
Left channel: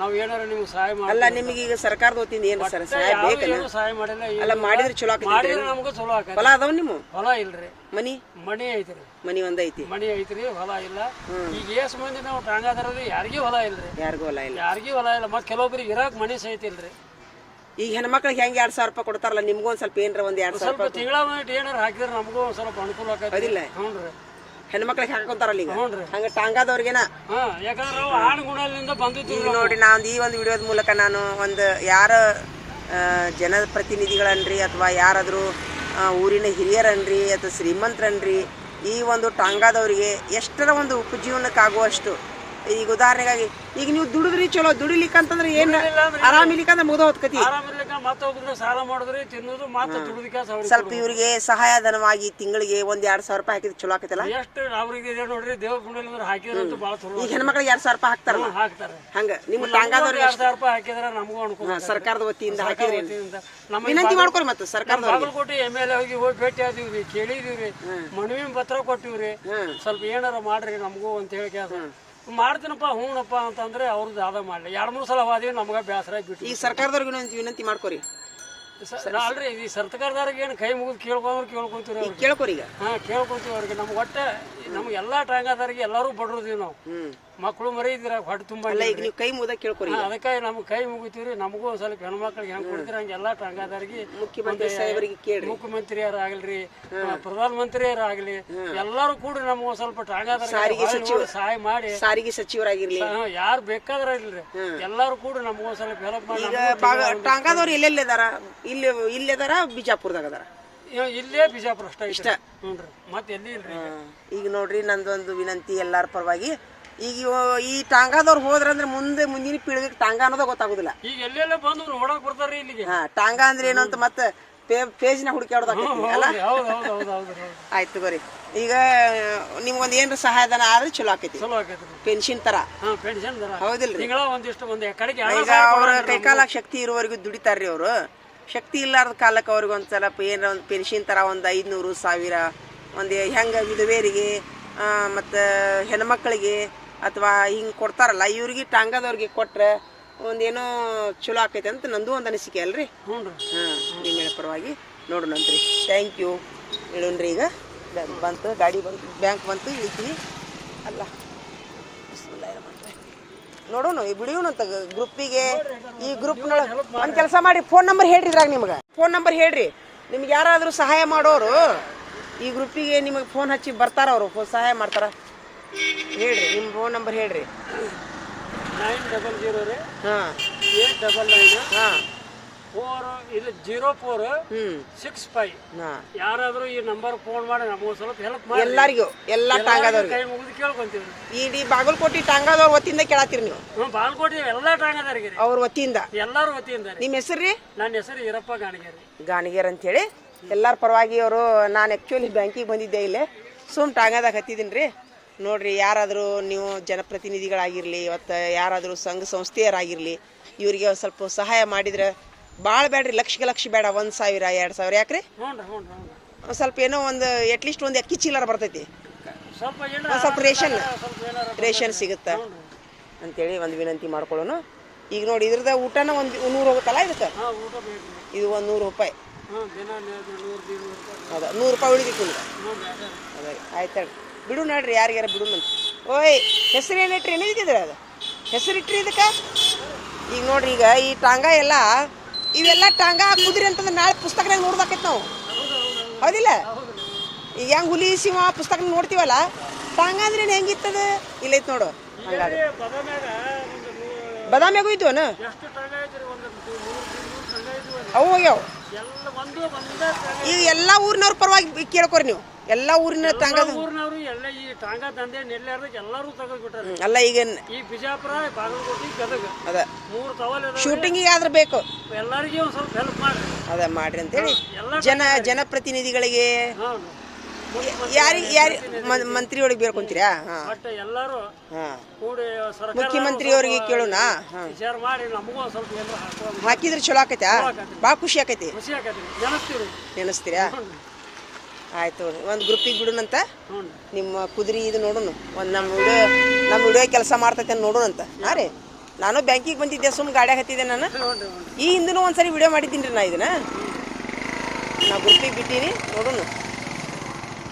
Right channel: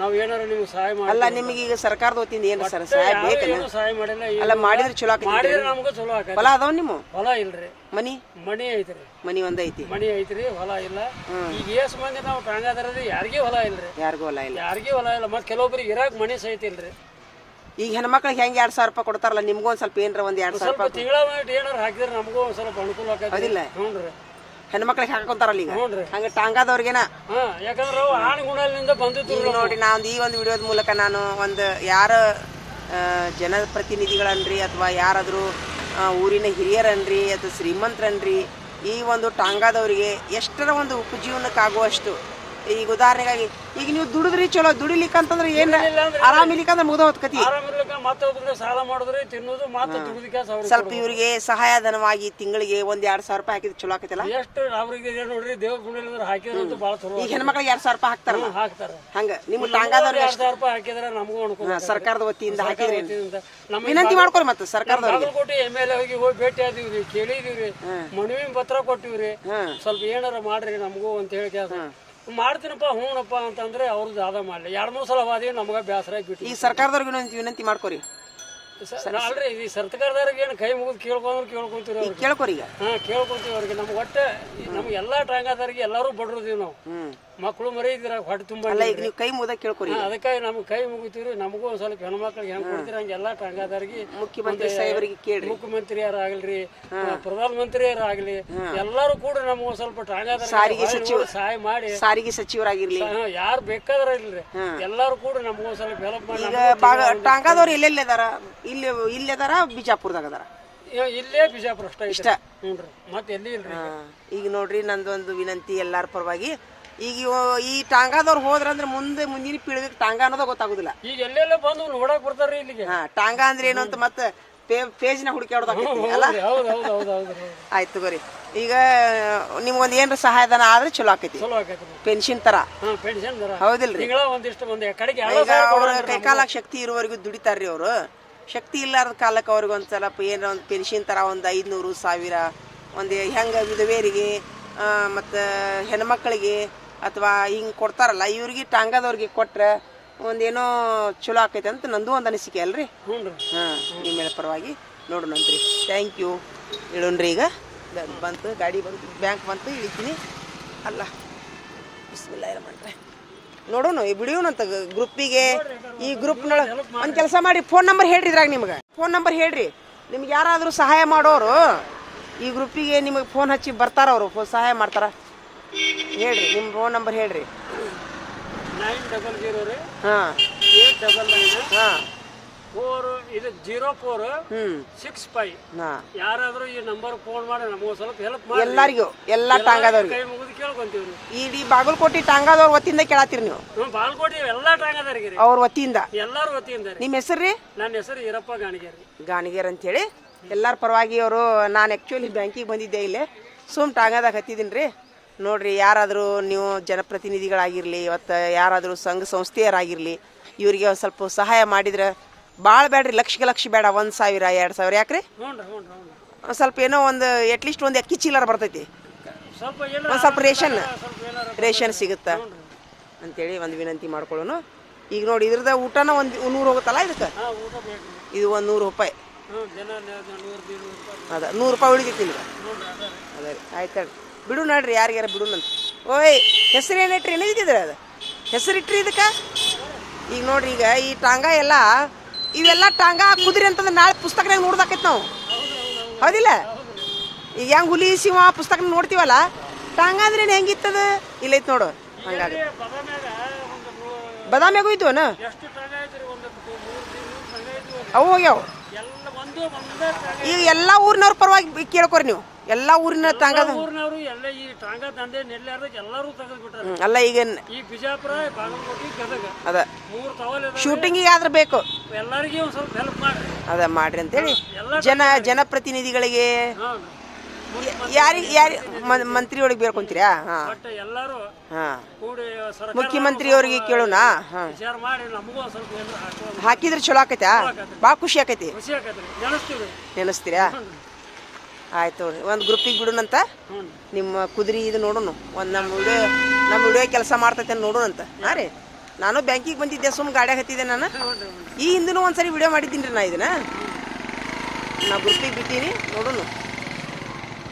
ನಾವ್ ಏನಾರ ನಿಮ್ಗೆ ಸಹಾಯ ಮಾಡಿ ಅಲ್ಲ ನಿಮಗೆ ಈಗ ಸರ್ಕಾರದ ವತಿಯಿಂದ ಏನು ಸರ್ ಸಹಾಯ ಬೇಕಲ್ಲ ಸಹಾಯ ಮಾಡಿಲ್ಲ ಅಲ್ಲ ಮಾಡಿದ್ರೆ ಚಲೋ ಆಕೈತಿ ಮಾಡಿದ್ರೆ ನಮಗೂ ಚಲೋ ಆಕೈತಿ. ಹೊಲ ಅದಾವ ನಿಮ್ಮ? ಹೊಲ ಇಲ್ರಿ. ಮನಿ? ಮನಿ ಐತ್ರಿ. ಮನಿ ಒಂದ್ ಐತಿ. ಮನಿ ಐತ್ರಿ ಹೊಲ ಇಲ್ಲ. ಈಗ ಏಸ್ ಮಂದಿ ನಾವು ಟಾಂಗಾದ್ರಿ ಯಾರಿಗೂ ಹೊಲ ಇಲ್ರಿ. ಯಾರಿಗೂ ಹೊಲ ಇಲ್ಲ. ಯಾರಿಗೂ ಹೊಲ ಇಲ್ಲ. ಮತ್ತೆ ಕೆಲವೊಬ್ರಿಗೆ ಇರಾಕ್ ಮನಿ ಸಹಿತ ಇಲ್ರಿ. ಈಗ ಹೆಣ್ಮಕ್ಳಿಗೆ ಹೆಂಗ್ ಎರಡ್ ಸಾವಿರ ರೂಪಾಯಿ ಕೊಡ್ತಾರಲ್ಲ ನಿಮ್ಗೂ ಒಂದ್ ಸ್ವಲ್ಪ ಏನ್ರ ಒಂದ್ ಎರಡ್ ಸಾವಿರ ಸ್ವಲ್ಪ ರೂಪಾಯಿ ತಿಂಗಳ ಏನಾರ ಹಾಕಿದ್ರೆ ನಮಗೂ ಒಂದ್ ಸ್ವಲ್ಪ ಅನುಕೂಲ ಆಗುತ್ತೆ ಅದಿಲ್ಲ ಹ್ಞೂನ್ರಿ. ಹೆಣ್ಮಕ್ಳಿಗೆ ಹಾಕೊಂತಾರಲ್ಲ ಈಗ? ಹ್ಞೂನ್ರಿ. ಹಂಗ ಟಾಂಗಾದವ್ರಿಗೆನ ಹಾ ಯಾಕಂದ್ರೆ ಅವು ಆಣಗುಣಲಿಂದ ಬಂದಿತ್ತು ಈಗ ನೋಡಿ ನಾನು ಈ ಒಂದು ವಿಡಿಯೋದ ಮೂಲಕ ನಾನು ಒಂದು ಯಾರ ಜನಪ್ರತಿನಿಧಿಗಳನ್ರಿ ಅಥವಾ ಯಾರಾದರೂ ಊರಿನ ಹಿರಿಯರನ್ರಿ ಅಥವಾ ಶ್ರೀಮಂತರನ್ರಿ ಈ ಒಂದು ಟಾಂಗಾದವರಿಗೆ ಎಷ್ಟರ ಒಂದು ಉಪಜೀವನಕ್ಕಾಗುವಷ್ಟು ಈಗ ಉದಾಹರಣೆಗಾಗಿ ಈಗ ನೀವು ದುಡಿದ್ರಿ ಚಲೋ ದುಡಿಲಿಕ್ಕೆ ಅಂತಂದ್ರೆ ಏನ್ ಆರಾಮಿಲಿಕ್ಕಂದ್ರೆ ಮುಗ್ದ ಹೋದ್ ಕತಿ ಸಾಲ ಮಾಡಿದ್ರೆ ತಿನ್ನೋದು ಅವ್ರಿಗೆ ಸ್ವಲ್ಪ ಇವರಿಗೆ ಸಹಾಯಧನವಾಗಿ ತಿಂಗಳಿಗೆ ಒಂದ್ ಎರಡ್ ಸಾವಿರ ರೂಪಾಯಿ ಹಾಕಿದ್ರೆ ಚಲೋ ಆಕತಿಲ್ಲ? ಎಷ್ಟು ಅವ್ರಿಗೆ ನೋಡ್ರಿ ದೇವ್ರ ಗುಡಿಲಿಂದ್ರ ಹಾಕಿದ್ರಂತೂ ಭಾಳ ಚಲೋ ಈಗ ಹೆಣ್ಮಕ್ಳಿಗೆ ಎರಡ್ ಸಾವಿರ ರೂಪಾಯಿ ಹಾಕ್ತಾರ ಹಾಕ್ತಾರೆ. ಹಂಗ ನಿಮ್ಮ ಟಾಂಗಾದವ್ರಿಗೆ ಎರಡ್ ಸಾವಿರ ರೂಪಾಯಿ ಹಾಕಿದ್ರೆ ನಮಗೂ ಅನುಕೂಲ ಸರ್ಕಾರದ ವತಿಯಿಂದ ಹಾಕಿದ್ರೆ ವಿನಂತಿ ಮಾಡ್ಕೊರಿ ಮತ್ತೆ ಸರ್ಕಾರದ ಬಾಗಲಕೋಟೆ ಎಂ ಎಲ್ ಎ ಹೋಗಿ ಹೋಗಿ ಭೇಟಿ ಆದಿವ್ರಿ ಕೇಳಿದೀವ್ರಿ. ಮನವಿ ಪತ್ರ ಕೊಟ್ಟಿವ್ರಿ. ಸ್ವಲ್ಪ ಏನಾರ ಮಾಡ್ರಿ ನಮಗೂ ಅಂತ ಹೇಳಿ. ಮಾಡ್ತೀನಪ್ಪ ಹ್ಞೂನಪ್ಪ ಅಂತಂದ್ರೆ ಅವ್ರದ್ದು ಅದ ಮಾಡಲಿ. ಎರಡು ಮೂರು ಸಲ ಹೋದಿ ನಮ್ಗೆ ಬೇಸರ ಬಿಟ್ಟು ಈ ಸರ್ಕಾರದವ್ರಿಗೆ ವಿನಂತಿ- ಮಾಡ್ಕೋರಿ. ಅಲ್ರಿ ಈ ಸರ್ಕಾರದವ್ರಿಗೆ ಏನು ಕೈ ಮುಗಿದು ಕೇಳ್ಕೊಂಡ್ರು ಕೇಳ್ಕೊಂತೀವಿ ಅವ್ರಿಗೆ. ಕೇಳ್ಕೊರಿ ಈಗ. ಹಾ ಕೇಳ್ಕೊಂತೀವಿ ಅವ್ರಿಗೆ. ನಮ್ಗೆ ಒಟ್ಟೆ ನಮ್ಗೆ ಎಲ್ಲಾ ಟಾಂಗಾದವ್ರಿಗೆ ಎಲ್ಲರೂ ಬಡ್ರದೀವಿ ನಾವು. ಮಕ್ಕಳು ಮರಿ ಇದ್ರ ಹೊಟ್ಟೆ ತುಂಬ ಅಲ್ಲ ಈಗ ನೀವು ಕೈ ಮುದ ಕೇಳ್ಕೊರಿ. ಅದಕ್ಕೆ ನಮ್ಗೆ ಕೈ ಮುಗಿತೀವ್ರಿ. ನಮಗೂ ಒಂದ್ ಸ್ವಲ್ಪ ಹೆಣ್ಮಕ್ಳಿಗೆ ಹೆಂಗ್ ಕೊಡ್ತೀರ ಹಂಗೆ ಎಲ್ಲಾ ಟಾಂಗಾದವ್ರಿಗೆ ಮುಖ್ಯಮಂತ್ರಿ ಸಾಹೇಬರಿಗೆ ಕೇಳ್ರಿ. ಮುಖ್ಯಮಂತ್ರಿಯರಾಗಲ್ರಿ ಪ್ರಧಾನ ಆಗಲಿ ಎಲ್ಲಾರು ಕೂಡ ನಮ್ಗೆ ಸ್ವಲ್ಪ ಸ್ವಲ್ಪ ಸಾರಿಗೆ ಸಚಿವ ಸಹಾಯ ಮಾಡಿ. ಸಾರಿಗೆ ಸಚಿವರಾಗಿರ್ಲಿ. ಯಾರು ಬೇಕಾದ್ರ ಇಲ್ರಿ ಎಲ್ಲಾರು ಕೂಡ ನಮಗೂ ಒಂದ್ ಸ್ವಲ್ಪ ಹೆಲ್ಪ್ ಮಾಡಿ ಟಾಂಗಾದವ್ರು ಎಲ್ಲೆಲ್ಲಿ ಅದಾರ ಇಲ್ಲಿ ಇಲ್ಲಿ ಅದಾರ ಬಿಜಾಪುರದಾಗ ಅದಾರ? ಇಲ್ಲೇ ಬಿಜಾಪುರ ಅಷ್ಟ ಇಷ್ಟ. ಹ್ಞೂನ್ರಿ. ಮತ್ತೆ ಎಲ್ಲಿ ಇಲ್ರಿ ಈಗ ನೋಡ್ರಿ ನಂದೊಂದು ವಿನಂತಿ ಎಲ್ಲಾರ ಪರವಾಗಿ. ಈಗ ಈ ಟಾಂಗಾದವ್ರು ಹೋದ್ರಂದ್ರೆ ಮುಂದೆ ಮುಂದಿನ ಪೀಳಿಗೆ ಟಾಂಗಾ ಅನ್ನೋದ ಗೊತ್ತಾಗುದಿಲ್ಲ. ಈಗ ಎಲ್ಲೆಲ್ಲ ಬಂದು ನೋಡಕ್ ಬರ್ತಾರ್ರಿ ಇಲ್ಲಿಗೆ. ಹಾ ಟಾಂಗಾ ಅಂದ್ರೆ ಏನು ಅಂತ ಮತ್ತೆ ಪೇಜ್ನ ಹುಡುಕಾಡೋದಾಕೈತಿ ಅಲ್ಲ? ಆಯ್ತು ಬರಿ ಈಗ ನಿಮ್ಗೊಂದು ಏನ್ರ ಸಹಾಯಧನ ಆದ್ರೆ ಚಲೋ ಆಕೈತಿ. ಪೆನ್ಷನ್ ತರ. ಹೌದಿಲ್ರಿ. ಈಗ ಅವ್ರ ಕೈಕಾಲ ಶಕ್ತಿ ಇರುವವರೆಗೂ ದುಡಿತಾರ್ರಿ ಅವರು. ಶಕ್ತಿ ಇಲ್ಲಾರ್ದ ಕಾಲಕ್ಕೆ ಅವ್ರಿಗೆ ಒಂದ್ ಸ್ವಲ್ಪ ಏನಾರ ಒಂದು ಪೆನ್ಷನ್ ತರ ಒಂದು ಐದ್ನೂರು ಸಾವಿರ ಒಂದು ಹೆಂಗ ವಿಧವೇರಿಗೆ ಮತ್ತ ಹೆಣ್ಮಕ್ಳಿಗೆ ಅಥವಾ ಹಿಂಗೆ ಕೊಡ್ತಾರಲ್ಲ ಇವ್ರಿಗೆ ಟಾಂಗದವ್ರಿಗೆ ಕೊಟ್ರೆ ಒಂದೇನೋ ಚಲೋ ಆಕೈತೆ ಅಂತ ನಂದು ಒಂದು ಅನಿಸಿಕೆ ಅಲ್ರಿ? ಹ್ಞೂ ರೀ. ಹಾ ನಿಮ್ಮ ಪರವಾಗಿ ನೋಡೋಣಂತ್ರಿ ಥ್ಯಾಂಕ್ ಯು ಇಳೋಣ್ರಿ ಈಗ. ಬಂತು ಗಾಡಿ ಬಂತು ಬ್ಯಾಂಕ್ ಬಂತು ಇಳಿತೀನಿ ಅಲ್ಲ ರಹೀಮ್. ನೋಡೋಣ ಈ ಬಿಡಿಯೋಣಂತ ಗ್ರೂಪಿಗೆ ಈ ಗ್ರೂಪ್ನೊಳಗೆ ಒಂದು ಕೆಲಸ ಮಾಡಿ ಫೋನ್ ನಂಬರ್ ಹೇಳ್ರಿ ಇದ್ರಾಗ ನಿಮ್ಗೆ. ಫೋನ್ ನಂಬರ್ ಹೇಳ್ರಿ. ನಿಮ್ಗೆ ಯಾರಾದರೂ ಸಹಾಯ ಮಾಡೋರು ಈ ಗ್ರೂಪಿಗೆ ನಿಮಗೆ ಫೋನ್ ಹಚ್ಚಿ ಬರ್ತಾರ ಅವರು ಫೋನ್ ಸಹಾಯ ಮಾಡ್ತಾರ. ಹೇಳ್ರಿ ನಿಮ್ಮ ಫೋನ್ ನಂಬರ್ ಹೇಳ್ರಿ. ನೈನ್ ಡಬಲ್ ಜೀರೋ ರೀ. ಹಾಂ. ಏಟ್ ಡಬಲ್ ನೈನ್ ಹಾಂ. ಫೋರ್ ಇದು ಜೀರೋ ಫೋರ್ ಸಿಕ್ಸ್ ಫೈವ್ ಹಾಂ. ಯಾರಾದ್ರೂ ಈ ನಂಬರ್ ಫೋನ್ ಮಾಡಿ ನಮಗೆ ಸ್ವಲ್ಪ ಹೆಲ್ಪ್ ಮಾಡಿ ಎಲ್ಲರಿಗೂ ಎಲ್ಲ ಟಾಂಗಾದವ್ರಿಗೆ. ಕೈ ಮುಗಿದು ಕೇಳ್ಕೊಂತೀವಿ ಇಡೀ ಬಾಗಲಕೋಟೆ ಟಾಂಗಾದವ್ರ ವತಿಯಿಂದ ಕೇಳತ್ತೀರಿ ನೀವು. ಹ್ಞೂ ಬಾಲ್ಕೋಟಿ ಎಲ್ಲ ಟಾಂಗದಾರಿಗೆ ರೀ. ಅವ್ರ ವತಿಯಿಂದ. ಎಲ್ಲಾರು ವತಿಯಿಂದ ನಿಮ್ಮ ಹೆಸರು ರೀ? ನನ್ನ ಹೆಸರು ಈರಪ್ಪ ಗಾಣಿಗೇರಿ. ಗಾಣಿಗೇರ್ ಅಂತ ಹೇಳಿ ಎಲ್ಲರ ಪರವಾಗಿ ಅವರು ನಾನು ಆ್ಯಕ್ಚುಲಿ ಬ್ಯಾಂಕಿಗೆ ಬಂದಿದ್ದೆ ಇಲ್ಲೇ. ಸುಮ್ ಟಾಂಗಾದಾಗ ಹತ್ತಿದ್ದೀನಿ ರೀ ನೋಡ್ರಿ ಯಾರಾದರೂ ನೀವು ಜನಪ್ರತಿನಿಧಿಗಳಾಗಿರಲಿ ಇವತ್ತು ಯಾರಾದರೂ ಸಂಘ ಸಂಸ್ಥೆಯರಾಗಿರಲಿ ಇವರಿಗೆ ಸ್ವಲ್ಪ ಸಹಾಯ ಮಾಡಿದ್ರೆ ಭಾಳ ಬೇಡ್ರಿ ಲಕ್ಷಕ್ಕೆ ಲಕ್ಷ ಬೇಡ ಒಂದು ಸಾವಿರ ಎರಡು ಸಾವಿರ ಯಾಕ್ರಿ? ಸ್ವಲ್ಪ ಏನೋ ಒಂದು ಅಟ್ಲೀಸ್ಟ್ ಒಂದು ಅಕ್ಕಿ ಚೀಲರ ಬರ್ತೈತಿ. ಒಂದು ಸ್ವಲ್ಪ ರೇಷನ್ ರೇಷನ್ ಸಿಗುತ್ತ. ಅಂತೇಳಿ ಒಂದು ವಿನಂತಿ ಮಾಡ್ಕೊಳ್ಳೋಣ. ಈಗ ನೋಡಿ ಇದ್ರದ ಊಟನ ಒಂದು ನೂರು ಹೋಗುತ್ತಲ್ಲ ಇದಕ್ಕೆ? ಇದು ಒಂದು ನೂರು ರೂಪಾಯಿ. ಅದ ನೂರು ರೂಪಾಯಿ. ಉಳಿದಿತ್ತು ನಿಮ್ಗೆ. ರೀ. ಅದೇ ಆಯ್ತು ಬಿಡು ನೋಡ್ರಿ ಯಾರಿಗಾರ ಬಿಡು ಅಂತ. ಓಯ್ ಹೆಸರು ಏನಿಟ್ರಿ ಏನಿದ್ರೆ ಅದು? ಹೆಸರು ಇಟ್ರಿ ಇದಕ್ಕೆ? ಈಗ ನೋಡ್ರಿ, ಈಗ ಈ ಟಾಂಗ ಎಲ್ಲ, ಇವೆಲ್ಲ ಟಾಂಗ ಕುದುರೆ ಅಂತಂದ್ರೆ ನಾಳೆ ಪುಸ್ತಕನಾಗ ನೋಡ್ದಾಕೈತಿ ನಾವು. ಹೌದಿಲ್ಲ? ಈಗ ಹೆಂಗ್ ಹುಲಿ, ಸಿಂಹ ಪುಸ್ತಕ ನೋಡ್ತೀವಲ್ಲ, ಟಾಂಗ ಅಂದ್ರೆ ಹೆಂಗಿತ್ತದ ಇಲ್ಲೈತ್ ನೋಡು ಹಂಗಾಗ ಬದಾಮಿಯಾಗೂ ಇದ್ವನ ಅವು ಹೋಗ್ಯಾವ. ಈಗ ಎಲ್ಲಾ ಊರಿನವ್ರ ಪರವಾಗಿ ಕೇಳ್ಕೊರಿ ನೀವು. ಎಲ್ಲಾ ಊರಿನ ತಾಂಗದ ಊರಿನವರು ಎಲ್ಲ ಈ ತಾಂಗ ದಂಧೆ ನೆಲ್ಲಾರ್ದಕ್ಕೆ ಎಲ್ಲರೂ ತೆಗೆದು ಬಿಟ್ಟಾರೆ ಅಲ್ಲ ಈಗ ಈ ಬಿಜಾಪುರ ಬಾಗಲಕೋಟೆ ಗದಗ ಅದ. ಮೂರು ಕವಲ್ ಶೂಟಿಂಗಿಗೆ ಆದ್ರೆ ಬೇಕು. ಎಲ್ಲರಿಗೂ ಒಂದು ಸ್ವಲ್ಪ ಹೆಲ್ಪ್ ಮಾಡಿ ಅದ ಮಾಡ್ರಿ ಅಂತೇಳಿ. ಜನ ಜನಪ್ರತಿನಿಧಿಗಳಿಗೆ ಯಾರಿಗೆ ಯಾರಿ ಮಂತ್ರಿ ಒಳಗೆ ಬೇರ್ಕೊಂತೀರಾ? ಹಾ. ಬಟ್ ಎಲ್ಲರೂ ಹಾಂ. ಕೂಡಿ ಸರ್ಕಾರ ಮುಖ್ಯಮಂತ್ರಿ ಅವರಿಗೆ ಕೇಳೋಣ? ಹಾ. ವಿಚಾರ ಮಾಡಿ ನಮಗೂ ಒಂದು ಸ್ವಲ್ಪ ಏನಾರ ಹಾಕುವ ಹಾಕಿದ್ರೆ ಚಲೋ ಆಕೈತಾ? ಭಾಳ ಖುಷಿ ಆಕೈತಿ. ಖುಷಿ ಆಗತ್ತೆ ನೆನೆಸ್ತೀವಿ ನೆನೆಸ್ತೀರಾ? ಆಯ್ತು ಒಂದು ಗ್ರೂಪಿಗೆ ಬಿಡೋಣಂತ? ಹ್ಞೂ ನಿಮ್ಮ ಕುದುರೆ ಇದು ನೋಡೋಣ. ಒಂದು ನಮ್ಮ ವಿಡಿಯೋ ನಮ್ಮ ವಿಡಿಯೋ ಕೆಲಸ ಮಾಡ್ತೈತೆ ನೋಡೋಣಂತ. ಹಾಂ ರೀ? ನಾನು ಬ್ಯಾಂಕಿಗೆ ಬಂದಿದ್ದೆ ಸುಮ್ ಗಾಡಿ ಹತ್ತಿದ್ದೆ ನಾನು. ಈ ಹಿಂದೂ ಒಂದ್ಸರಿ ವಿಡಿಯೋ ಮಾಡಿದ್ದೀನಿ ರೀ ನಾ ಇದನ್ನ. ನಾ ಗ್ರೂಪಿಗೆ ಬಿಟ್ಟೀನಿ ನೋಡೋಣ.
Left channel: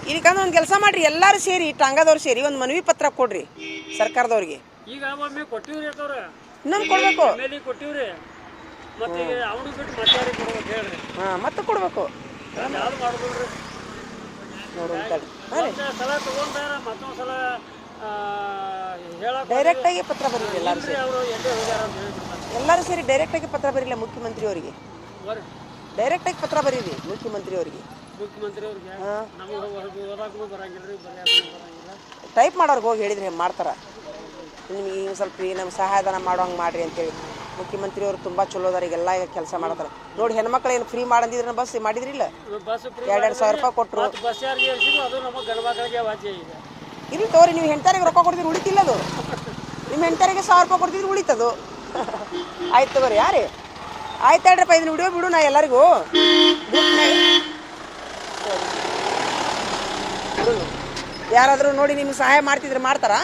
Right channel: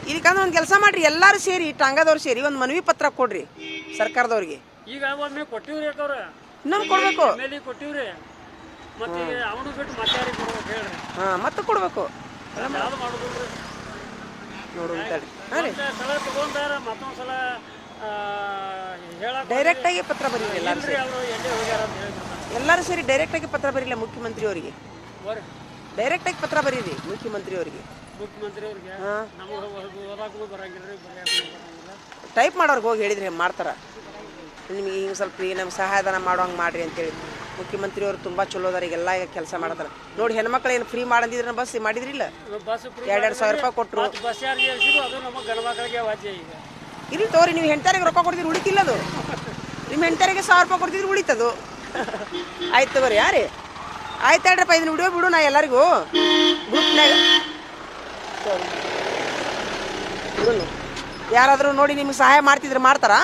ಇದಕ್ಕಂದ್ರೆ ಒಂದು ಕೆಲಸ ಮಾಡ್ರಿ ಎಲ್ಲರೂ ಸೇರಿ ಟಾಂಗದವ್ರು ಸೇರಿ ಒಂದು ಮನವಿ ಪತ್ರ ಕೊಡ್ರಿ ಸರ್ಕಾರದವ್ರಿಗೆ. ಈಗ ಒಮ್ಮೆ ಕೊಟ್ಟಿವ್ರಿ ಯಾಕವ್ರ ಇನ್ನೊಂದು ಕೊಡಬೇಕು. ಮೇಲೆ ಕೊಟ್ಟಿವ್ರಿ. ಮತ್ತೆ ಅವನು ಬಿಟ್ಟು ಕೊಡ್ಬೇಕು ಹೇಳ್ರಿ. ಹಾಂ ಮತ್ತೆ ಕೊಡಬೇಕು. ಅದು ಮಾಡೋದಿಲ್ರಿ ನೋಡೋಣ ತಡಿ ಹಾಂ ರೀ. ಮತ್ತೆ ಸಲ ತಗೊಂಡಾರ ಮತ್ತೊಂದು ಸಲ ಹೇಳಕ್ ಡೈರೆಕ್ಟಾಗಿ ಪತ್ರ ಬರೀರಿ ಎಲ್ಲರೂ ಸೇರಿ. ಅವರು ಎಲ್ಲೇ ಹೋಗ್ಯಾರ ಅಂತ ಹೇಳಿದ್ರು. ಎಲ್ಲರೂ ಸೇರಿ ಡೈರೆಕ್ಟಾಗಿ ಪತ್ರ ಬರೀಲ್ಲ ಮುಖ್ಯಮಂತ್ರಿ ಅವರಿಗೆ ಡೈರೆಕ್ಟ್ ಆಗಿ ಪತ್ರ ಬರೀರಿ ಮುಖ್ಯಮಂತ್ರಿ ಅವರಿಗೆ ಟೈಪ್ ಮಾಡೋರ್ಗೆ ಹೋಗಿ ಹೇಳಿದ್ರೆ ಮಾಡ್ತಾರ. ನಿಮಗೆ ಈಗ ಸ್ವಲ್ಪ ಈಗ ನಮ್ಗೆ ಸಹಾಯಧನ ಮಾಡೋಂಗೆ ಮಾಡ್ರಿ ಅಂತೇಳಿ. ಮುಖ್ಯಮಂತ್ರಿ ಅವರು ತುಂಬ ಚಲೋ ಅದಾರ ಈಗೆಲ್ಲ ಈಗ ಕೆಲಸ ಮಾಡತ್ತಾರ ನೋಡಿ ಹೆಣ್ಮಕ್ಳು ಏನು ಫ್ರೀ ಮಾಡಂದಿದ್ರೆ ಬಸ್ ಮಾಡಿದ್ರಿಲ್ಲ ಬಸ್ ಫ್ರೀ ಎರಡು ಎರಡು ಸಾವಿರ ರೂಪಾಯಿ ಕೊಟ್ಟರು ಇಲ್ಲಿ ತೋರಿ ನೀವು ಹೆಂಟರಿಗೆ ರೊಕ್ಕ ಕೊಡ್ತೀರಿ ಉಳಿತಿಲ್ಲ ಅದು. ನಿಮ್ಮ ಹೆಂಟರಿಗೆ ಸಾವಿರ ರೂಪಾಯಿ ಕೊಡ್ತಿದ್ರು ಉಳಿತದು. ಆಯ್ತು ತಗೋರಿ ಯಾರಿ? ಆಯ್ತು ಹೇಳ್ರಪ್ಪ ಇದನ್ನ ವಿಡಿಯೋ ಬಿಡು ನಾ ಎಲ್ಲರಿಗೂ. ಯಾರಾದರೂ ನೋಡಿ ನಿಮ್ಗೆ ಸಹಾಯ ಮಾಡ್ತಿದ್ರೆ ಮಾಡ್ತಾರಾ?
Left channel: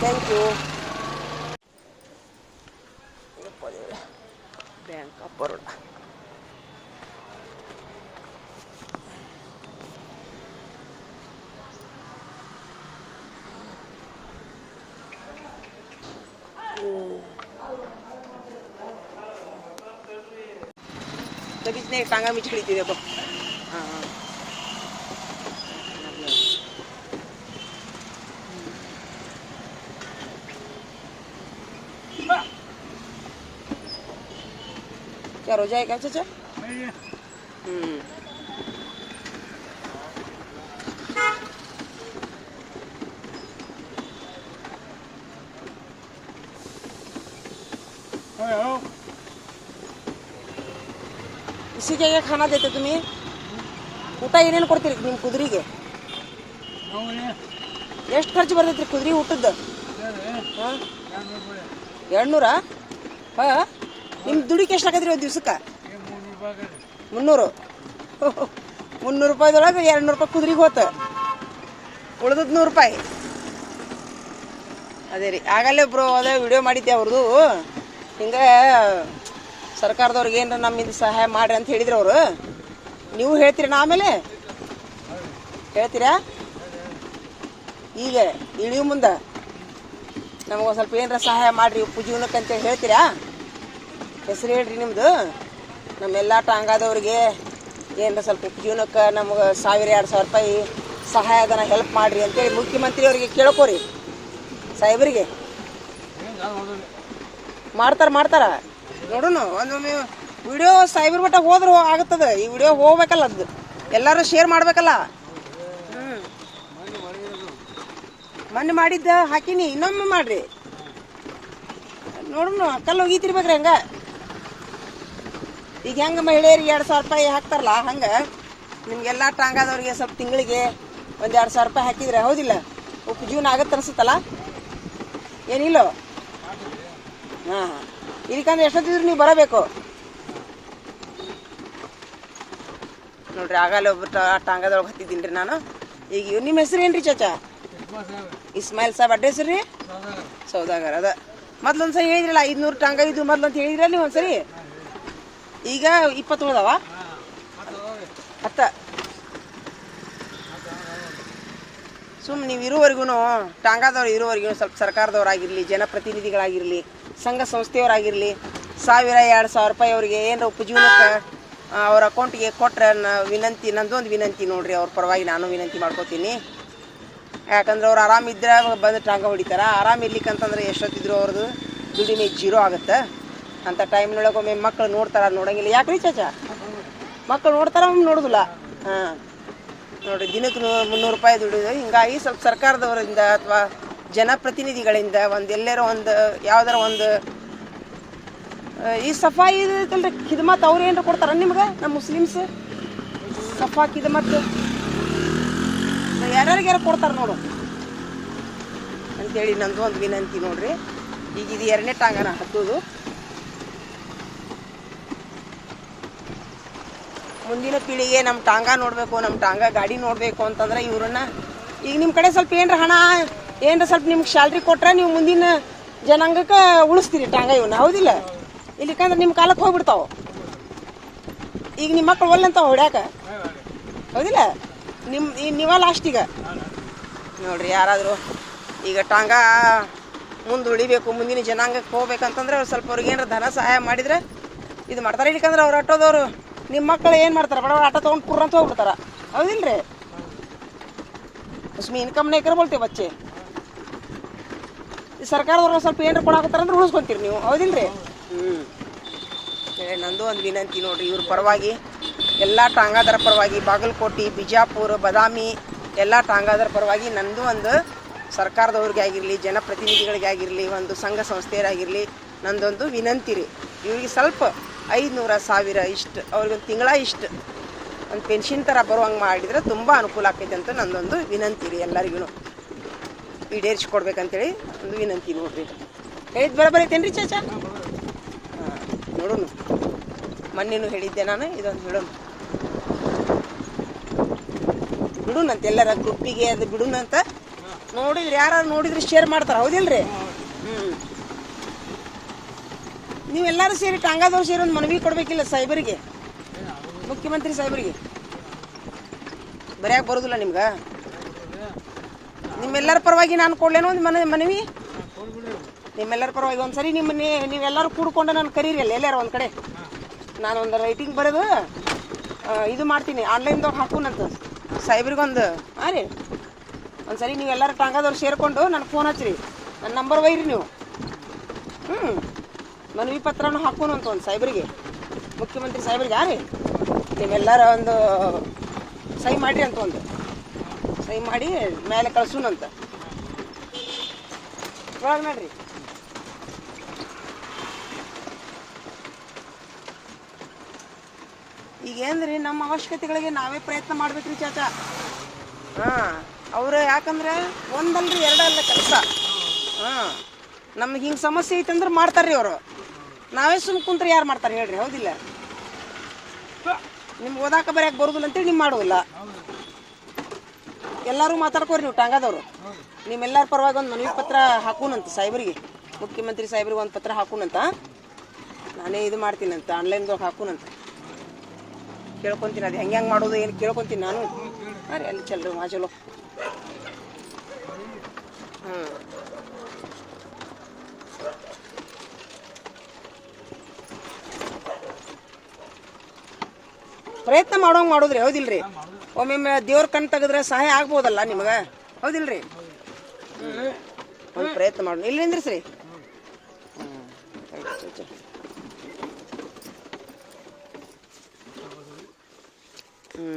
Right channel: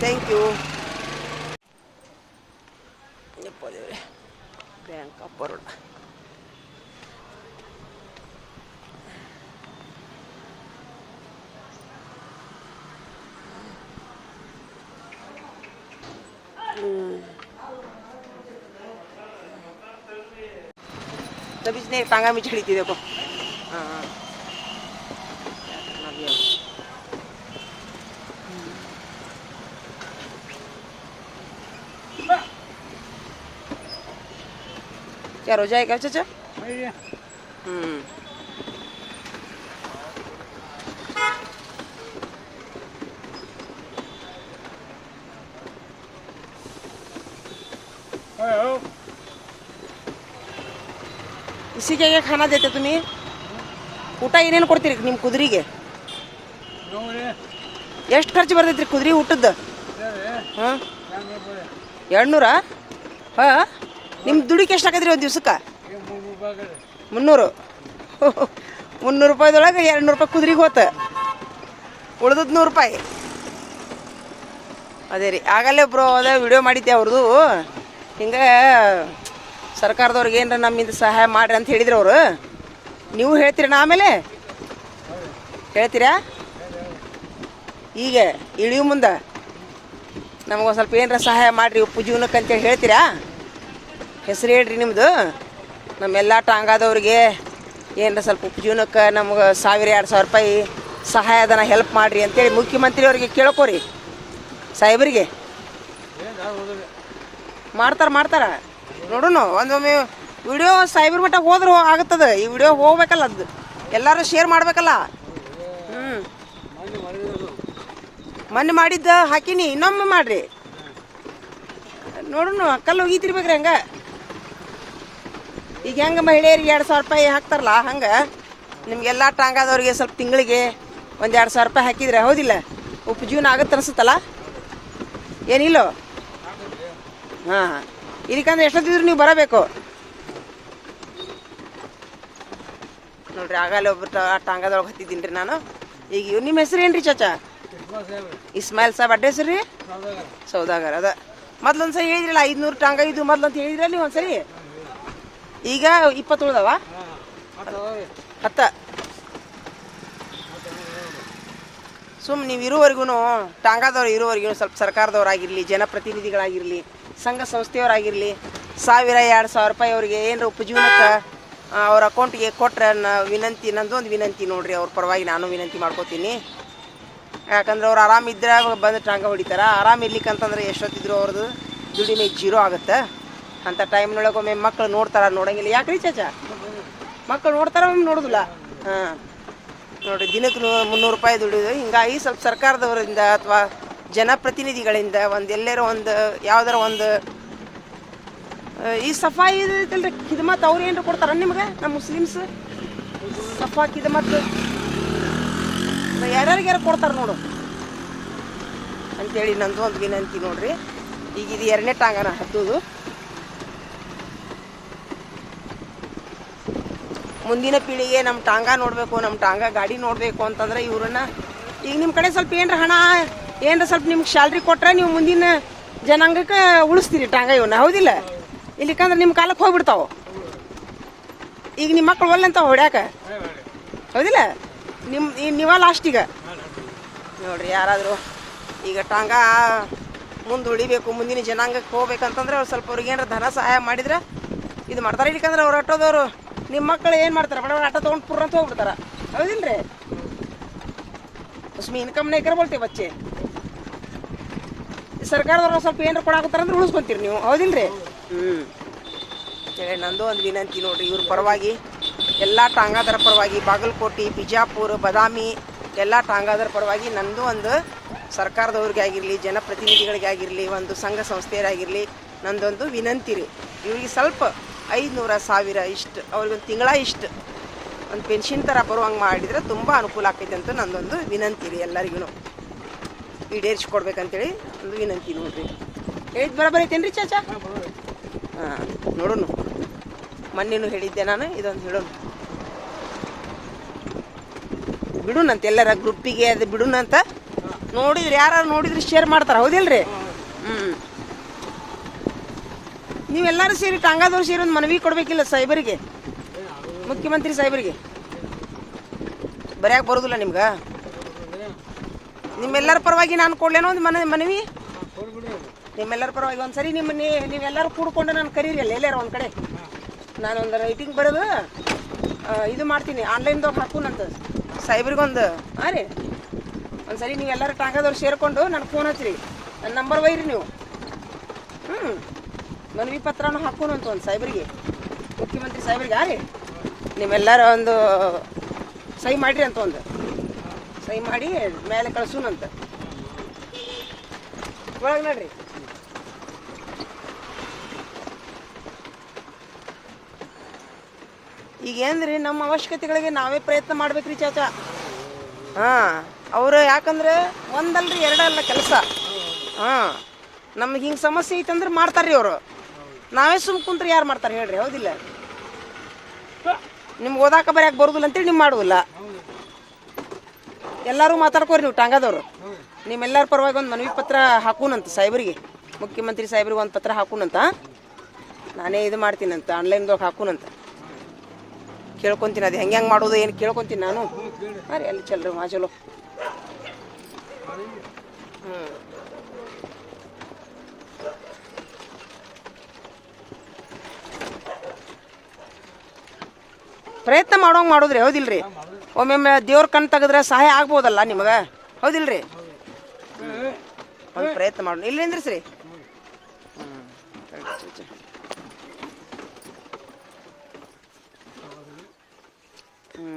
Thank you bank of Baroda बीच नहीं टांगा में छिड़ी थी देखो हाँ हाँ क्या हो जाएगा चाचा हम्म ಕೃಷಿಗೆ ಯಾಕೆ ಹಣ ನೀ ಊಟ ಏನೇನು ಕೊಡ್ತೀರಿ ನಿಮ್ಮ ಕುದುರೆಗೆ? ಎಷ್ಟು ಖರ್ಚು ಬರ್ತೈತ್ರಿ ಕುದುರೆ ಊಟದ್ದು? ಹಾಂ? ಎರಡ್ನೂರಾ? ಹಾಂ? ನಿಮ್ಮ ದುಡಿಕೆ ಎಷ್ಟು ಹಾಕಿದ್ರಿ ಒಂದು ದಿವ್ಸಕ್ಕೆ? ಮುನ್ನೂರು. ಮುನ್ನೂರು ರೂಪಾಯಿದೊಳಗೆ ಎರಡು ನೂರು ರೂಪಾಯಿ ಕುದುರೆಗೆ ಹೋತ. ಉಳ್ದದ್ ನೂರು ರೂಪಾಯಿ. ಅದೇ ರೀ, ಆಗಲ್ಲೇ ಬ್ರೋ, ಅದ ವಿಡಿಯೋ ಮಾಡಿದ್ದೆ ಅವ್ರದ್ದು ಹಿಂಗೆ ಸರ್ಕಾರದವ್ರಿಗೆ ಏನರ ನಮ್ಮಿಂದ ಸಹಾಯ ಮಾಡ್ರಿ ಅಂತ ಹೇಳಿದ್ರು ಅವರು. ನೀವು ಹೇಳ್ತೀರ ಆಮೇಲೆ? ಹೇಳ್ತೀರಾ? ಈಗ ಇಳಿಯು ಮುಂದೆ. ನಮಗೊಂದು ಸ್ವಲ್ಪ ಏನರ ಸಹಾಯ ಮಾಡಿರಿ ಉಪ್ಪು ಜೀವನಕ್ಕೆ ಅಂತೇಳಿ ಹೇಳ್ತೀರಾ? ಹೆಸರು ಹೇಳ್ರಿ ನಿಮ್ಮದು ನಮ್ಮೆಲ್ಲ ಟಾಂಗಾದವ್ರಿಗೆ ಏನರ ಸ್ವಲ್ಪ ಉಪ್ಪು ಜೀವನಕ್ಕೆ ನಮ್ಗೆ ಸಾವಿರ ಎರಡು ಸಾವಿರ ರೂಪಾಯಿ ಸಹಾಯಧನ ಹೆಲ್ಪ್ ಮಾಡಿರಿ ಅಂತೇಳಿ ಮುಖ್ಯಮಂತ್ರಿ ಅವರಿಗೆ ಕೇಳ್ಕೊರಿ. ಸಾಹೇಬರಿಗೆ. ಮಾಡ್ತಾರೆ ಮಾಡ್ತಾರ. ನೋಡೋಣ ಒಂದೊಮ್ಮೆ ವಿಡಿಯೋ ಸೈಬರ್ ಮಟ್ಟ ಹೋದ್ರೆ ಆಗತ್ತದ. ಈ ವಿಡಿಯೋ ಹೋಗ್ಬೇಕಲ್ಲ ಅದು. ಎಲ್ಲರೂ ಶೇರ್ ಮಾಡ್ಬೇಕಲ್ಲ. ಹ್ಞೂ ಮೊನ್ನೆ ಮಾಡಿದ್ದ ಹಾಕಿನಿ, ಇನ್ನೊಮ್ಮೆ ಮಾಡ್ರಿ. ನೋಡೋಣ ಕಲ್ಲು ಹೋಗಿತಿರ್ಬೇಕ್ರಿ ಹಂಗ. ಈಗ ಹೆಂಗ ಮಹಿಳೆಯರಿಗೆ ಎರಡು ಸಾವಿರ ರೂಪಾಯಿ ಹಾಕ್ತಾರಲ್ಲ, ಹಂಗ. ನಿಮ್ಗೆಲ್ಲ ಟಾಂಗಾದವ್ರಿಗೆ ಸ್ವಲ್ಪ ತಿಂಗಳಿಗೆ ಒಂದು ಎರಡು ಸಾವಿರ ರೂಪಾಯಿ ಹಾಕಿದ್ರೆ ಹೌದಿಲ್ಲ? ಉಪಜೀವನ ಜೀವನ ಆಗತ್ತೆ ಅನ್ಸುತ್ತಲ್ಲ ಏನಿಲ್ಲೋ? ಹಾಂ. ಇದಕ್ಕಂದ್ರೆ ಎಷ್ಟೊತ್ತಿದ್ರು ನೀವು ಬರಬೇಕು. ನೋಡ್ರಿ ಆಗಲ್ಲ ಒಬ್ಬ ಟಾಂಗದೊಳಗೆ ಹತ್ತಿದ್ದೀನಿ ರೀ ನಾನು. ಈಗ ಇವ್ ನಿಮ್ಮ ಹೆಸರು ಏನ್ರಿ ಚಾಚಾ? ಇಸ್ಮಾಯಿಲ್ ಸಾಬ್ ಅಡ್ಡ ಹೆಸರು ರೀ? ಸೌದಾಗರ್. ಅದ. ಮೊದ್ಲೊಂದ್ಸರಿ ಹೇಳಿದ್ರಲ್ಲ ಐದ್ನೂರು ಟಾಂಗ ಇದು ಮೊದ್ಲಂತ ಅಂತ ಹೇಳಿದ್ರಲ್ಲ ನೀವು ಒಂದ್ಸರಿ? ಈಗ ಇಪ್ಪತ್ತು ಉಳ್ದವ ಹತ್ತ. ಸುಮ್ ನೀವು ಇರುವವರೆಗೂ ಟಾಂಗದವ್ರು ಇರುವವರೆಗೂ ಸ್ವಲ್ಪ ಸರ್ಕಾರದವ್ರಾಗಿರಲಿ ಜನಪ್ರತಿನಿಧಿಗಳಾಗಿರಲಿ ಸಂಘ ಸಂಸ್ಥೆಯವರಾಗಿರಲಿ, ಸಾವಿರ, ಎರಡು ಸಾವಿರ ರೂಪಾಯಿ ಅವರಿಗೆ ಏನಾರ ಉಪಜೀವನಕ್ಕೆ ಅವ್ರ ಅಕೌಂಟ್ಗೆ ಕೊಟ್ಟರೆ ನಾ, ವಿನಂತಿ, ನಂದೊಂದು ವಿನಂತಿ ನೋಡ್ರಿ ಅವ್ರ ಪರವಾಗಿ ನಾನು ವಿನಂತಿ ಮಾಡ್ಕೋತೀನಿ. ಯಾಕಂದ್ರೆ ಅವ್ರು ಆರಾಮಿದ್ರೆ ಬಂದು ಟಾಂಗ ಹೊಡಿತಾರ. ಆರಾಮ ಇರ್ಲಿಕ್ಕೆ ಅಂತಂದ್ರೆ ಎಷ್ಟೊತ್ತಿದ್ರು ಅವ್ರದ್ದು ದುಡಿಮೆ ಜೀರೋ ಆಗುತ್ತೆ. ಅಂತ ಟೈಮ್ನೊಳಗೆ ಒಮ್ಮೆ ಮಕ್ಕಳು ನೋಡ್ತಾರ, ನೋಡಂಗಿಲ್ಲ. ರೀ ಚಾಚಾ? ಮಕ್ಕಳು ನೋಡ್ತಾರ, ಒಮ್ಮೆ ನೋಡುದಿಲ್ಲ. ಹಾಂ. ನೋಡಿ ದಿನಕ್ಕೆ ಮುನ್ನೂರು ರೂಪಾಯಿ ದುಡಿಯುದು ಹಿಂಗಾಗಿ ಸ್ವಲ್ಪ ಸರ್ಕಾರದವರಿಂದ ಅಥವಾ ಜನಪ್ರತಿನಿಧಿಗಳಿಂದ ಒಂದು ಎಲ್ಲರ ಒಂದು, ಯಾವ್ದಾರ ಒಂದು ಈ ಸಫಾಯಿ ಇದಲ್ರಿ ಕಿದ್ಮತ್ ಅವ್ರು ಏನ್ರ ಕೊಡ್ತಾರ ನಿಮ್ಗೆ ನಮ್ಮ ಮುಸ್ಲಿಮ್ಸ್? ಸಫಾ ಕಿದ್ಮತ್ ಯಾರ್ಯಾರಿಗಾರ ಕೊಡ್ತಾರ ನೋಡು. ಅಂತೇಳಿ ನಂದು ಒಂದು ವಿನಂತಿ ನೋಡ್ರಿ. ಈಗ ಇದು ಎರಡನೇ ಟಾಂಗನ ಹತ್ತಿದು ಮುಂದಿನ ಪೀಳಿಗೆ ನಮ್ಮ ಟಾಂಗ ನೋಡಬೇಕು ನಮ್ಮ ಟಾಂಗ ಗಾಡಿ ನೋಡಬೇಕು ಅಂತಂದ್ರೆ ಇವ್ರನ್ನ, ಈಗ ನಿಮ್ಮ ಕಡೆ ಸ್ವಲ್ಪ ಏನ್ರ ಹಣ ಏನ್ರ ಸ್ವಲ್ಪ ನಿಮ್ಗೆ ಸ್ಯಾಲ್ರಿ ಕೊಟ್ರೆ ನೀವು ಮುಂದಿನ ಜನಾಂಗಕ್ಕೆ ಉಳಿಸ್ತೀರಿ ಟಾಂಗ ಇವನ್ನ ಹೌದಿಲ್ಲ? ಇಲ್ಲಿಕಂದ್ರೆ ನಿಮ್ಮ ಕಾಲಕ್ಕೆ ಹೋಗ್ಬಿಡ್ತಾವ. ಈಗ ನಿಮ್ಮ ಮಕ್ಳು ಒಲ್ಲಂತ ಹೊಡ್ಯಾಕ? ಹೌದಿಲ್ಲ? ನಿಮ್ಮ ನೀವ ಲಾಸ್ಟ್ ಈಗ. ನೋಡ್ರಿ ಯಾರಾದರೂ ಈಗ ಟಾಂಗ ಮುಂದೆ ಉಳಿಬೇಕು, ಮುಂದಿನ ಜನಾಂಗಕ್ಕೆ ಹೋಗ್ಬೇಕಂತಂದ್ರೆ ಅವ್ರು ಸ್ವಲ್ಪ ಅವ್ರಿಗೆ ಏನಾರ ಧನ ಸಹಾಯ ಮಾಡಿದ್ರೆ ಇದು ಮಾಡ್ತಾರೆ. ಇಲ್ಲಿಕಂದ್ರೆ ಅವ್ರು ಆಟೋದವರು ನಿಮ್ಮ ಮಕ್ಕಳು ಏನು ಮಾಡ್ತಾರೆ? ಬಡ ಆಟೋ ತೊಗೊಂಡು ಪುರ್ರಂತ ಹೌದಿಲ್ಲ ಹೌದಿಲ್ರಿ? ಉಸ್ಮಿ ಇನ್ಕಮ್ನೇ ನೇ ಬೋಲ್ತೇವೆ ಬಚ್ಚೆ. ಸರ್ಕಾರದವ್ರು ಸ್ವಲ್ಪ ಏನಾರ ಕೊಡಾಕತ್ತಾರ ಅಂದ್ರೆ ಉಳಿಸ್ಕೊಂತೀರಿ ನೀವು. ಹೌದಿಲ್ರಿ? ಹ್ಞೂ ನಂದು ಒಂದು ವಿನಂತಿ ನೋಡ್ರಿ, ಇವ್ರ ಪರವಾಗಿ, ಎಲ್ಲ ಟಾಂಗಾದರ ಪರವಾಗಿ, ಬಾಗಲಕೋಟೆ, ಬಿಜಾಪುರ, ಬದಾಮಿ, ಎಲ್ಲ ಟಾಂಗಾದರ ಪರವಾಗಿ ನಂದು ಒಂದು ಸರ್ಕಾರದವ್ರಿಗೆ ಆಗಿರಲಿ ಜನಪ್ರತಿನಿಧಿಗಳಿಗೆ ಆಗಿರಲಿ ಒಂದು ಸಂಘ ಸಂಸ್ಥೆಯರಾಗಿರಲಿ, ನಂದೊಂದು ವಿನಂತಿ ರೀ. ಇವ್ರಿಗೆ ಸ್ವಲ್ಪ ಐದುನೂರ ಸಾವಿರ ಇಷ್ಟು, ಅವ್ರಿಗೊಂದು ತಿಂಗಳ ಇಷ್ಟು ಒಂದು ಪೆನ್ಷನ್ ಥರ ಬರುವಂಗೆ ಮಾಡಿದ್ರೆ ತುಂಬ ಅನುಕೂಲ ಆಕೈತೆ ಅಂತ ನಂದೊಂದು ವಿನಂತಿ ರೀ ಎಲ್ಲರಿಗೂ ಈಡೇರಿಸ್ಕೊಡ್ಬೇಕಂತೇಳಿ ಒಂದು ವಿನಂತಿ ನೋಡ್ರಿ. ಹೇಳಿದ್ ಬರ ಬರೈತೇನ್ರಿ ಚಾಚಾ? ಹಾಂ. ನೋಡೋಣ. ಮಣ್ಣಿನೂ ಹೇಳಿದ್ದೆ ನಾನು ಇದೊಂದು ಹೇಳೋಣ. ಬಿಡುನಂತ ಎಲ್ಲರ ಗ್ರೂಪಿಗೆ ಅದು ಬಿಡುನಂತ. ನೋಡಿದ್ರಿ ಯಾರು ನೋಡಿದ್ರಿ ಶೇರ್ ಮಾಡ್ತಾರೆ ಹೌದಿಲ್ರಿ? ಹ್ಞೂ ನೀವೆಲ್ಲರೂ ಸೇರಿ ಟಾಂಗಾದವ್ರು ಸೇರಿ ಒಂದು ಮನವಿ ಕೊಡಬೇಕಿಲ್ಲ ಸಾಹೇಬರಿಗೆ? ಮುಖ್ಯಮಂತ್ರಿ ಸಾಹೇಬರಿಗೆ? ಬರ್ಯಾಕೆ ಬರೋದಿಲ್ಲ ನಿಮ್ಗೆ? ನಿಮ್ಮೆಲ್ಲರ ಪರವಾಗಿ ನಾನು ಕೊಡ್ಲೇನೋ ಒಂದು ಮನೆ, ಮನವಿ? ನಿಮ್ಮೆಲ್ಲರ ಪರವಾಗಿ ಒಂದ್ಸರಿ ನಿಮ್ಮ ನೀವೆಲ್ಲರೂ ಕೂಡ್ಕೊಂಡು ನಾನು ಕರೀರಿ ಅಲ್ಲಿ, ಎಲ್ಲಾರ ಒಂದು ಕಡೆ. ನಾನು ಒಂದು ರೈಟಿಂಗ್ ಬರೋದು ಇದು ಮಾಡ್ತೀನಿ ಆನ್ಲೈನ್ದಾಗ ಹಾಕೋಣಂತ ಸೈಬ್ರಿಗೊಂದು ಹಾಂ ರೀ. ಒಂದ್ಸರಿ ನೀವೆಲ್ಲರೂ ಟಾಂಗದವ್ರು ಸೇರಿಕೊಂಡು ನನಗೆ ಫೋನ್ ಹಚ್ಚಿರಿ. ನನ್ನ ನಂಬರ್ ಒಯ್ರಿ ನೀವು. ಹ್ಞೂ ಮನವಿ ಪತ್ರನೂ ಹಾಕೋಣಂತ ಒಂದು ಸಾಹೇಬ್ರಿಗೆ ಮುಖ್ಯಮಂತ್ರಿ ಸಾಹೇಬ್ರಿಗೆ ರೀ. ನೀವೆಲ್ಲರ ಒಂದು, ಸಹಿ ಮಾಡಿರಿ ಅಂತ ಒಂದು. ಸಹಿ ಮಾಡಿ ಮೇಲೆ ಕಳ್ಸೋಣಂತ ಒಳಗೆ ನೋಡ್ರಿ. ಈಗ ಏನ್ರಿ ನಮ್ಮ ಅವಶ್ಯಕತೆಗಳಿಗೆ ನಾವೇ ಪ್ರಯತ್ನ ಮಾಡ್ಬೇಕ್ರಿ ಚಾಚಾ. ಹಾ, ಅವರು ಯಾಕಂದ್ರೆ ಒಂದಲ್ರಿ ಎರಡಲ್ಲ ಕೆಲಸ. ಹಾ, ನಮ್ಗೆ ಹಿಂಗೆ ಸಮಸ್ಯೆ ಐತಂದ್ರೆ ಮಾಡ್ತಾರ್ರಿ ಅವರು. ನಾವೇ ಸುಮ್ ಕುಂತ್ರೆ ಯಾರು ಮಾಡ್ತಾರೆ ಹೇಳ್ರಿ, ಹೌದಿಲ್ಲ? ನಿಮ್ಗೆ ಓದಾಕ ಬರ್ಯಾಕ ಬರೋದಿಲ್ಲ ಅಂತೇಳಿ ನೀವು ಮಾಡುವಲ್ಲ ಎಲ್ಲರೂ ಮಾತಾಡ್ಕೋರಿ ನೀವು, ಟಾಂಗದವರು. ನಿಮ್ಮೆಲ್ಲರ ಪರವಾಗಿ ಒಂದು ಮನವಿ ಪತ್ರ ಹಾಕೂನಂತ, ಸಾಹೇಬರಿಗೆ. ಮುಖ್ಯಮಂತ್ರಿ ಸಾಹೇಬ್ರಿಗೆ ಒಂದು ಪತ್ರ ಹಾಕೂನಂತ. ನಾನೇ ಇದು ಮಾಡ್ತೀನಂತ ಆನ್ಲೈನ್ದಾಗ ಹಾಕೂನಂತ. ಕೇಳ್ಕೊಂತೀನಿ, ಅದು ಹೆಂಗೆ ಹೆಂಗೆ ಮಾಡೋದು, ಏನು ಕೇಳ್ಕೊಂತೀನಿ ನಾನು. ಹಾಂ ರೀ ಅಲ್ಲಿ ಚಲ್ರಿ, ಮಾ ಚಲೋ. ಹಾಂ ಪ್ರಯತ್ನ ಮಾಡೋಂಗೆ ಮಾಡೋದ್ರಿ, ಹೌದಿಲ್ರಿ? ಒಮ್ಮೊಮ್ಮೆ ದೇವ್ರ ಕಣ್ ತೆಗೆದ್ರೆ ಸಹಾಯ ಆಗ್ಬೋದಲ್ಲ ನಿಮಗೆ ಹೌದಿಲ್ರಿ ಒಂದು ಪ್ರಯತ್ನ ಮಾಡೋಣ ಇಲ್ಲಿಂದ್ರಿ ಸರಿ ಹ್ಞೂ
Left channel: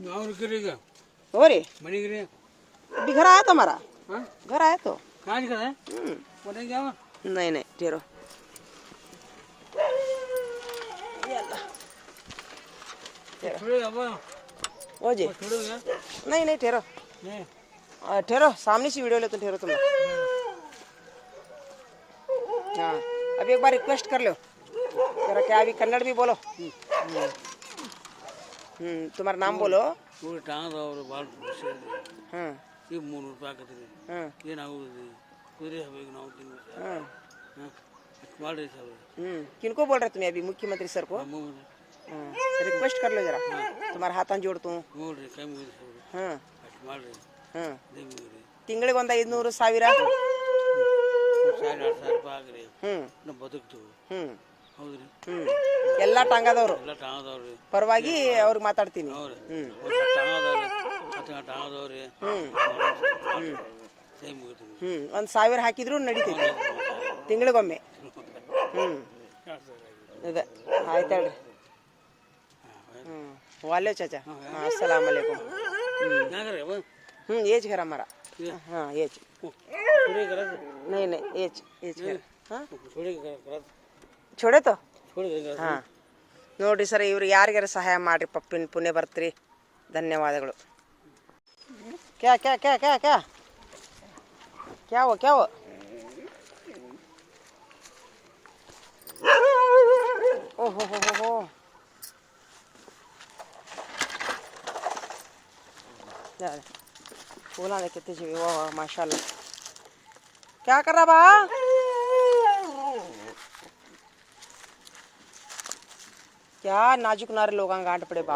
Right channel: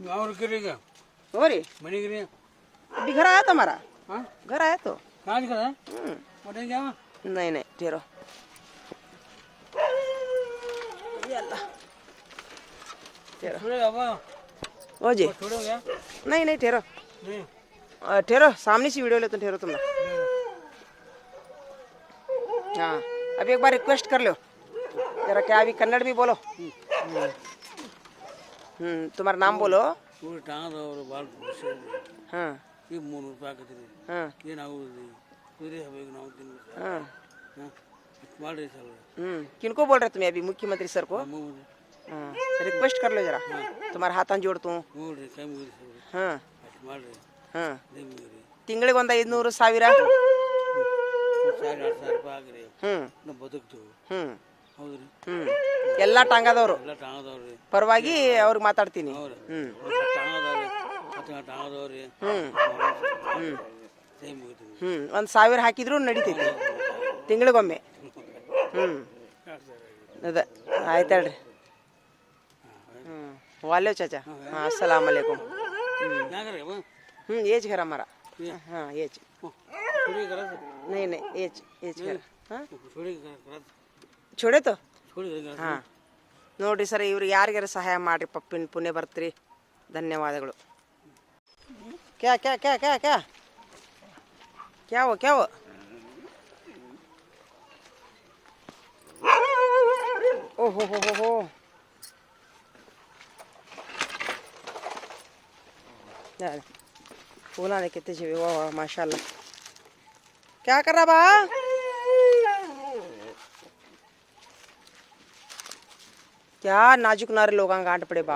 गाँव गिरी का हो रे बनी गिरी अभी घर आया था हमारा हाँ घर आया तो कहाँ का है हम्म? नहीं नहीं ठहरो ओ जी। नहीं नहीं ठहरो। ठहरो। सामने से वीडियो लेते ठहरो तुम हाँ अभी एक बार रिक्वेस्ट कर लो। जरा क्या अभी कन्नड़ भी बोलो। हम्म हम्म, तुम्हारा नाम बोलो। हाँ। ये ಮೂರು ರೂಪಾಯಿ ಹಾಕತ್ರಿ हाँ ಏನಾಗುದು ಕುದುರೆ ಆಗ್ಬೇಕು ನಾವು ತಿನ್ಬೇಕು हाँ ಹಾಂ ಮಾಡ್ರಿ ಸರ್ हम्म किनको बोल रहे तुम्हें अभी मुख्यमंत्री सर को हाँ रिक्वेस्ट कर लो जरा तुम्हारा हाथ जोड़ तू ನೋಡ್ರಿ ಕೈ ಮುಗಿರಿ ಸರ್ हाँ ಅಷ್ಟು ಮಾಡ್ರಿ ಹಾಂ ನೀರು ತಿಂಗಳಿಗೆ ಒಂದು ಐದುನೂರು ಸಾವಿರ ಸಾವಿರ ಎರಡು ಸಾವಿರ ರೂಪಾಯಿ ಆಗ್ರಿ ಹ್ಞೂ ನಾವು ಬದುಕ್ತೀವಿ ಹ್ಞೂ ಹೌದ್ರಿ ಹ್ಞೂ ಎಲ್ಲ ಟಾಂಗಾದವರು ಎಲ್ಲ ಟಾಂಗದವ್ರಿ ಪರವಾಗಿ ಅವ್ರಿಗೆ ಮಾತಾಡ್ತೀನಿ ಹೌದು ಹ್ಞೂ ಟಾಂಗದವ್ರಿ ಹ್ಞೂ ಒಂದು ಸಾವಿರ ಹಾಕಿದ್ರು ನಡೀತೈತಿ ತಿಂಗಳಿಗೊಮ್ಮೆ. ಹ್ಞೂ ಅದ, ಆಯ್ತು ಹೇಳ್ರಿ. ಹ್ಞೂ ಚಾಚಾ. ಹಾಂ, ಅಸ್ಸಲಾಮ್ ಅಲೈಕುಮ್. ಹ್ಞೂ ಏಜ್ ಘರ ಮರ ಹಾಂ, ಏಜ್. ನೈ ನೈ, ಏಜ್ ಚೊಡೇತು? ಹಾಂ. ನೋಡಿರಿ ಸರ್ ಇವ್ರಿಗೆ ಯಾರಿಗಾರ ಸಹಾಯ ಮಾಡಿರಿ, ಪಪ್ಪಿನ ಪುಣ್ಯ ಬರ್ತೀರಿ. ಧನ್ಯವಾದಗಳು. ಕ್ಯಾ ಕ್ಯಾ ಕ್ಯಾ ಕ್ಯಾ ಕ್ಯಾ? क्या हुआ क्या हुआ? ओ हो हो हो। यार फूला ने कितने छिपे वाह माशाल्लाह। क्या कर रहा बा? क्या नाजुक नारे लोग गांठ पड़े बा?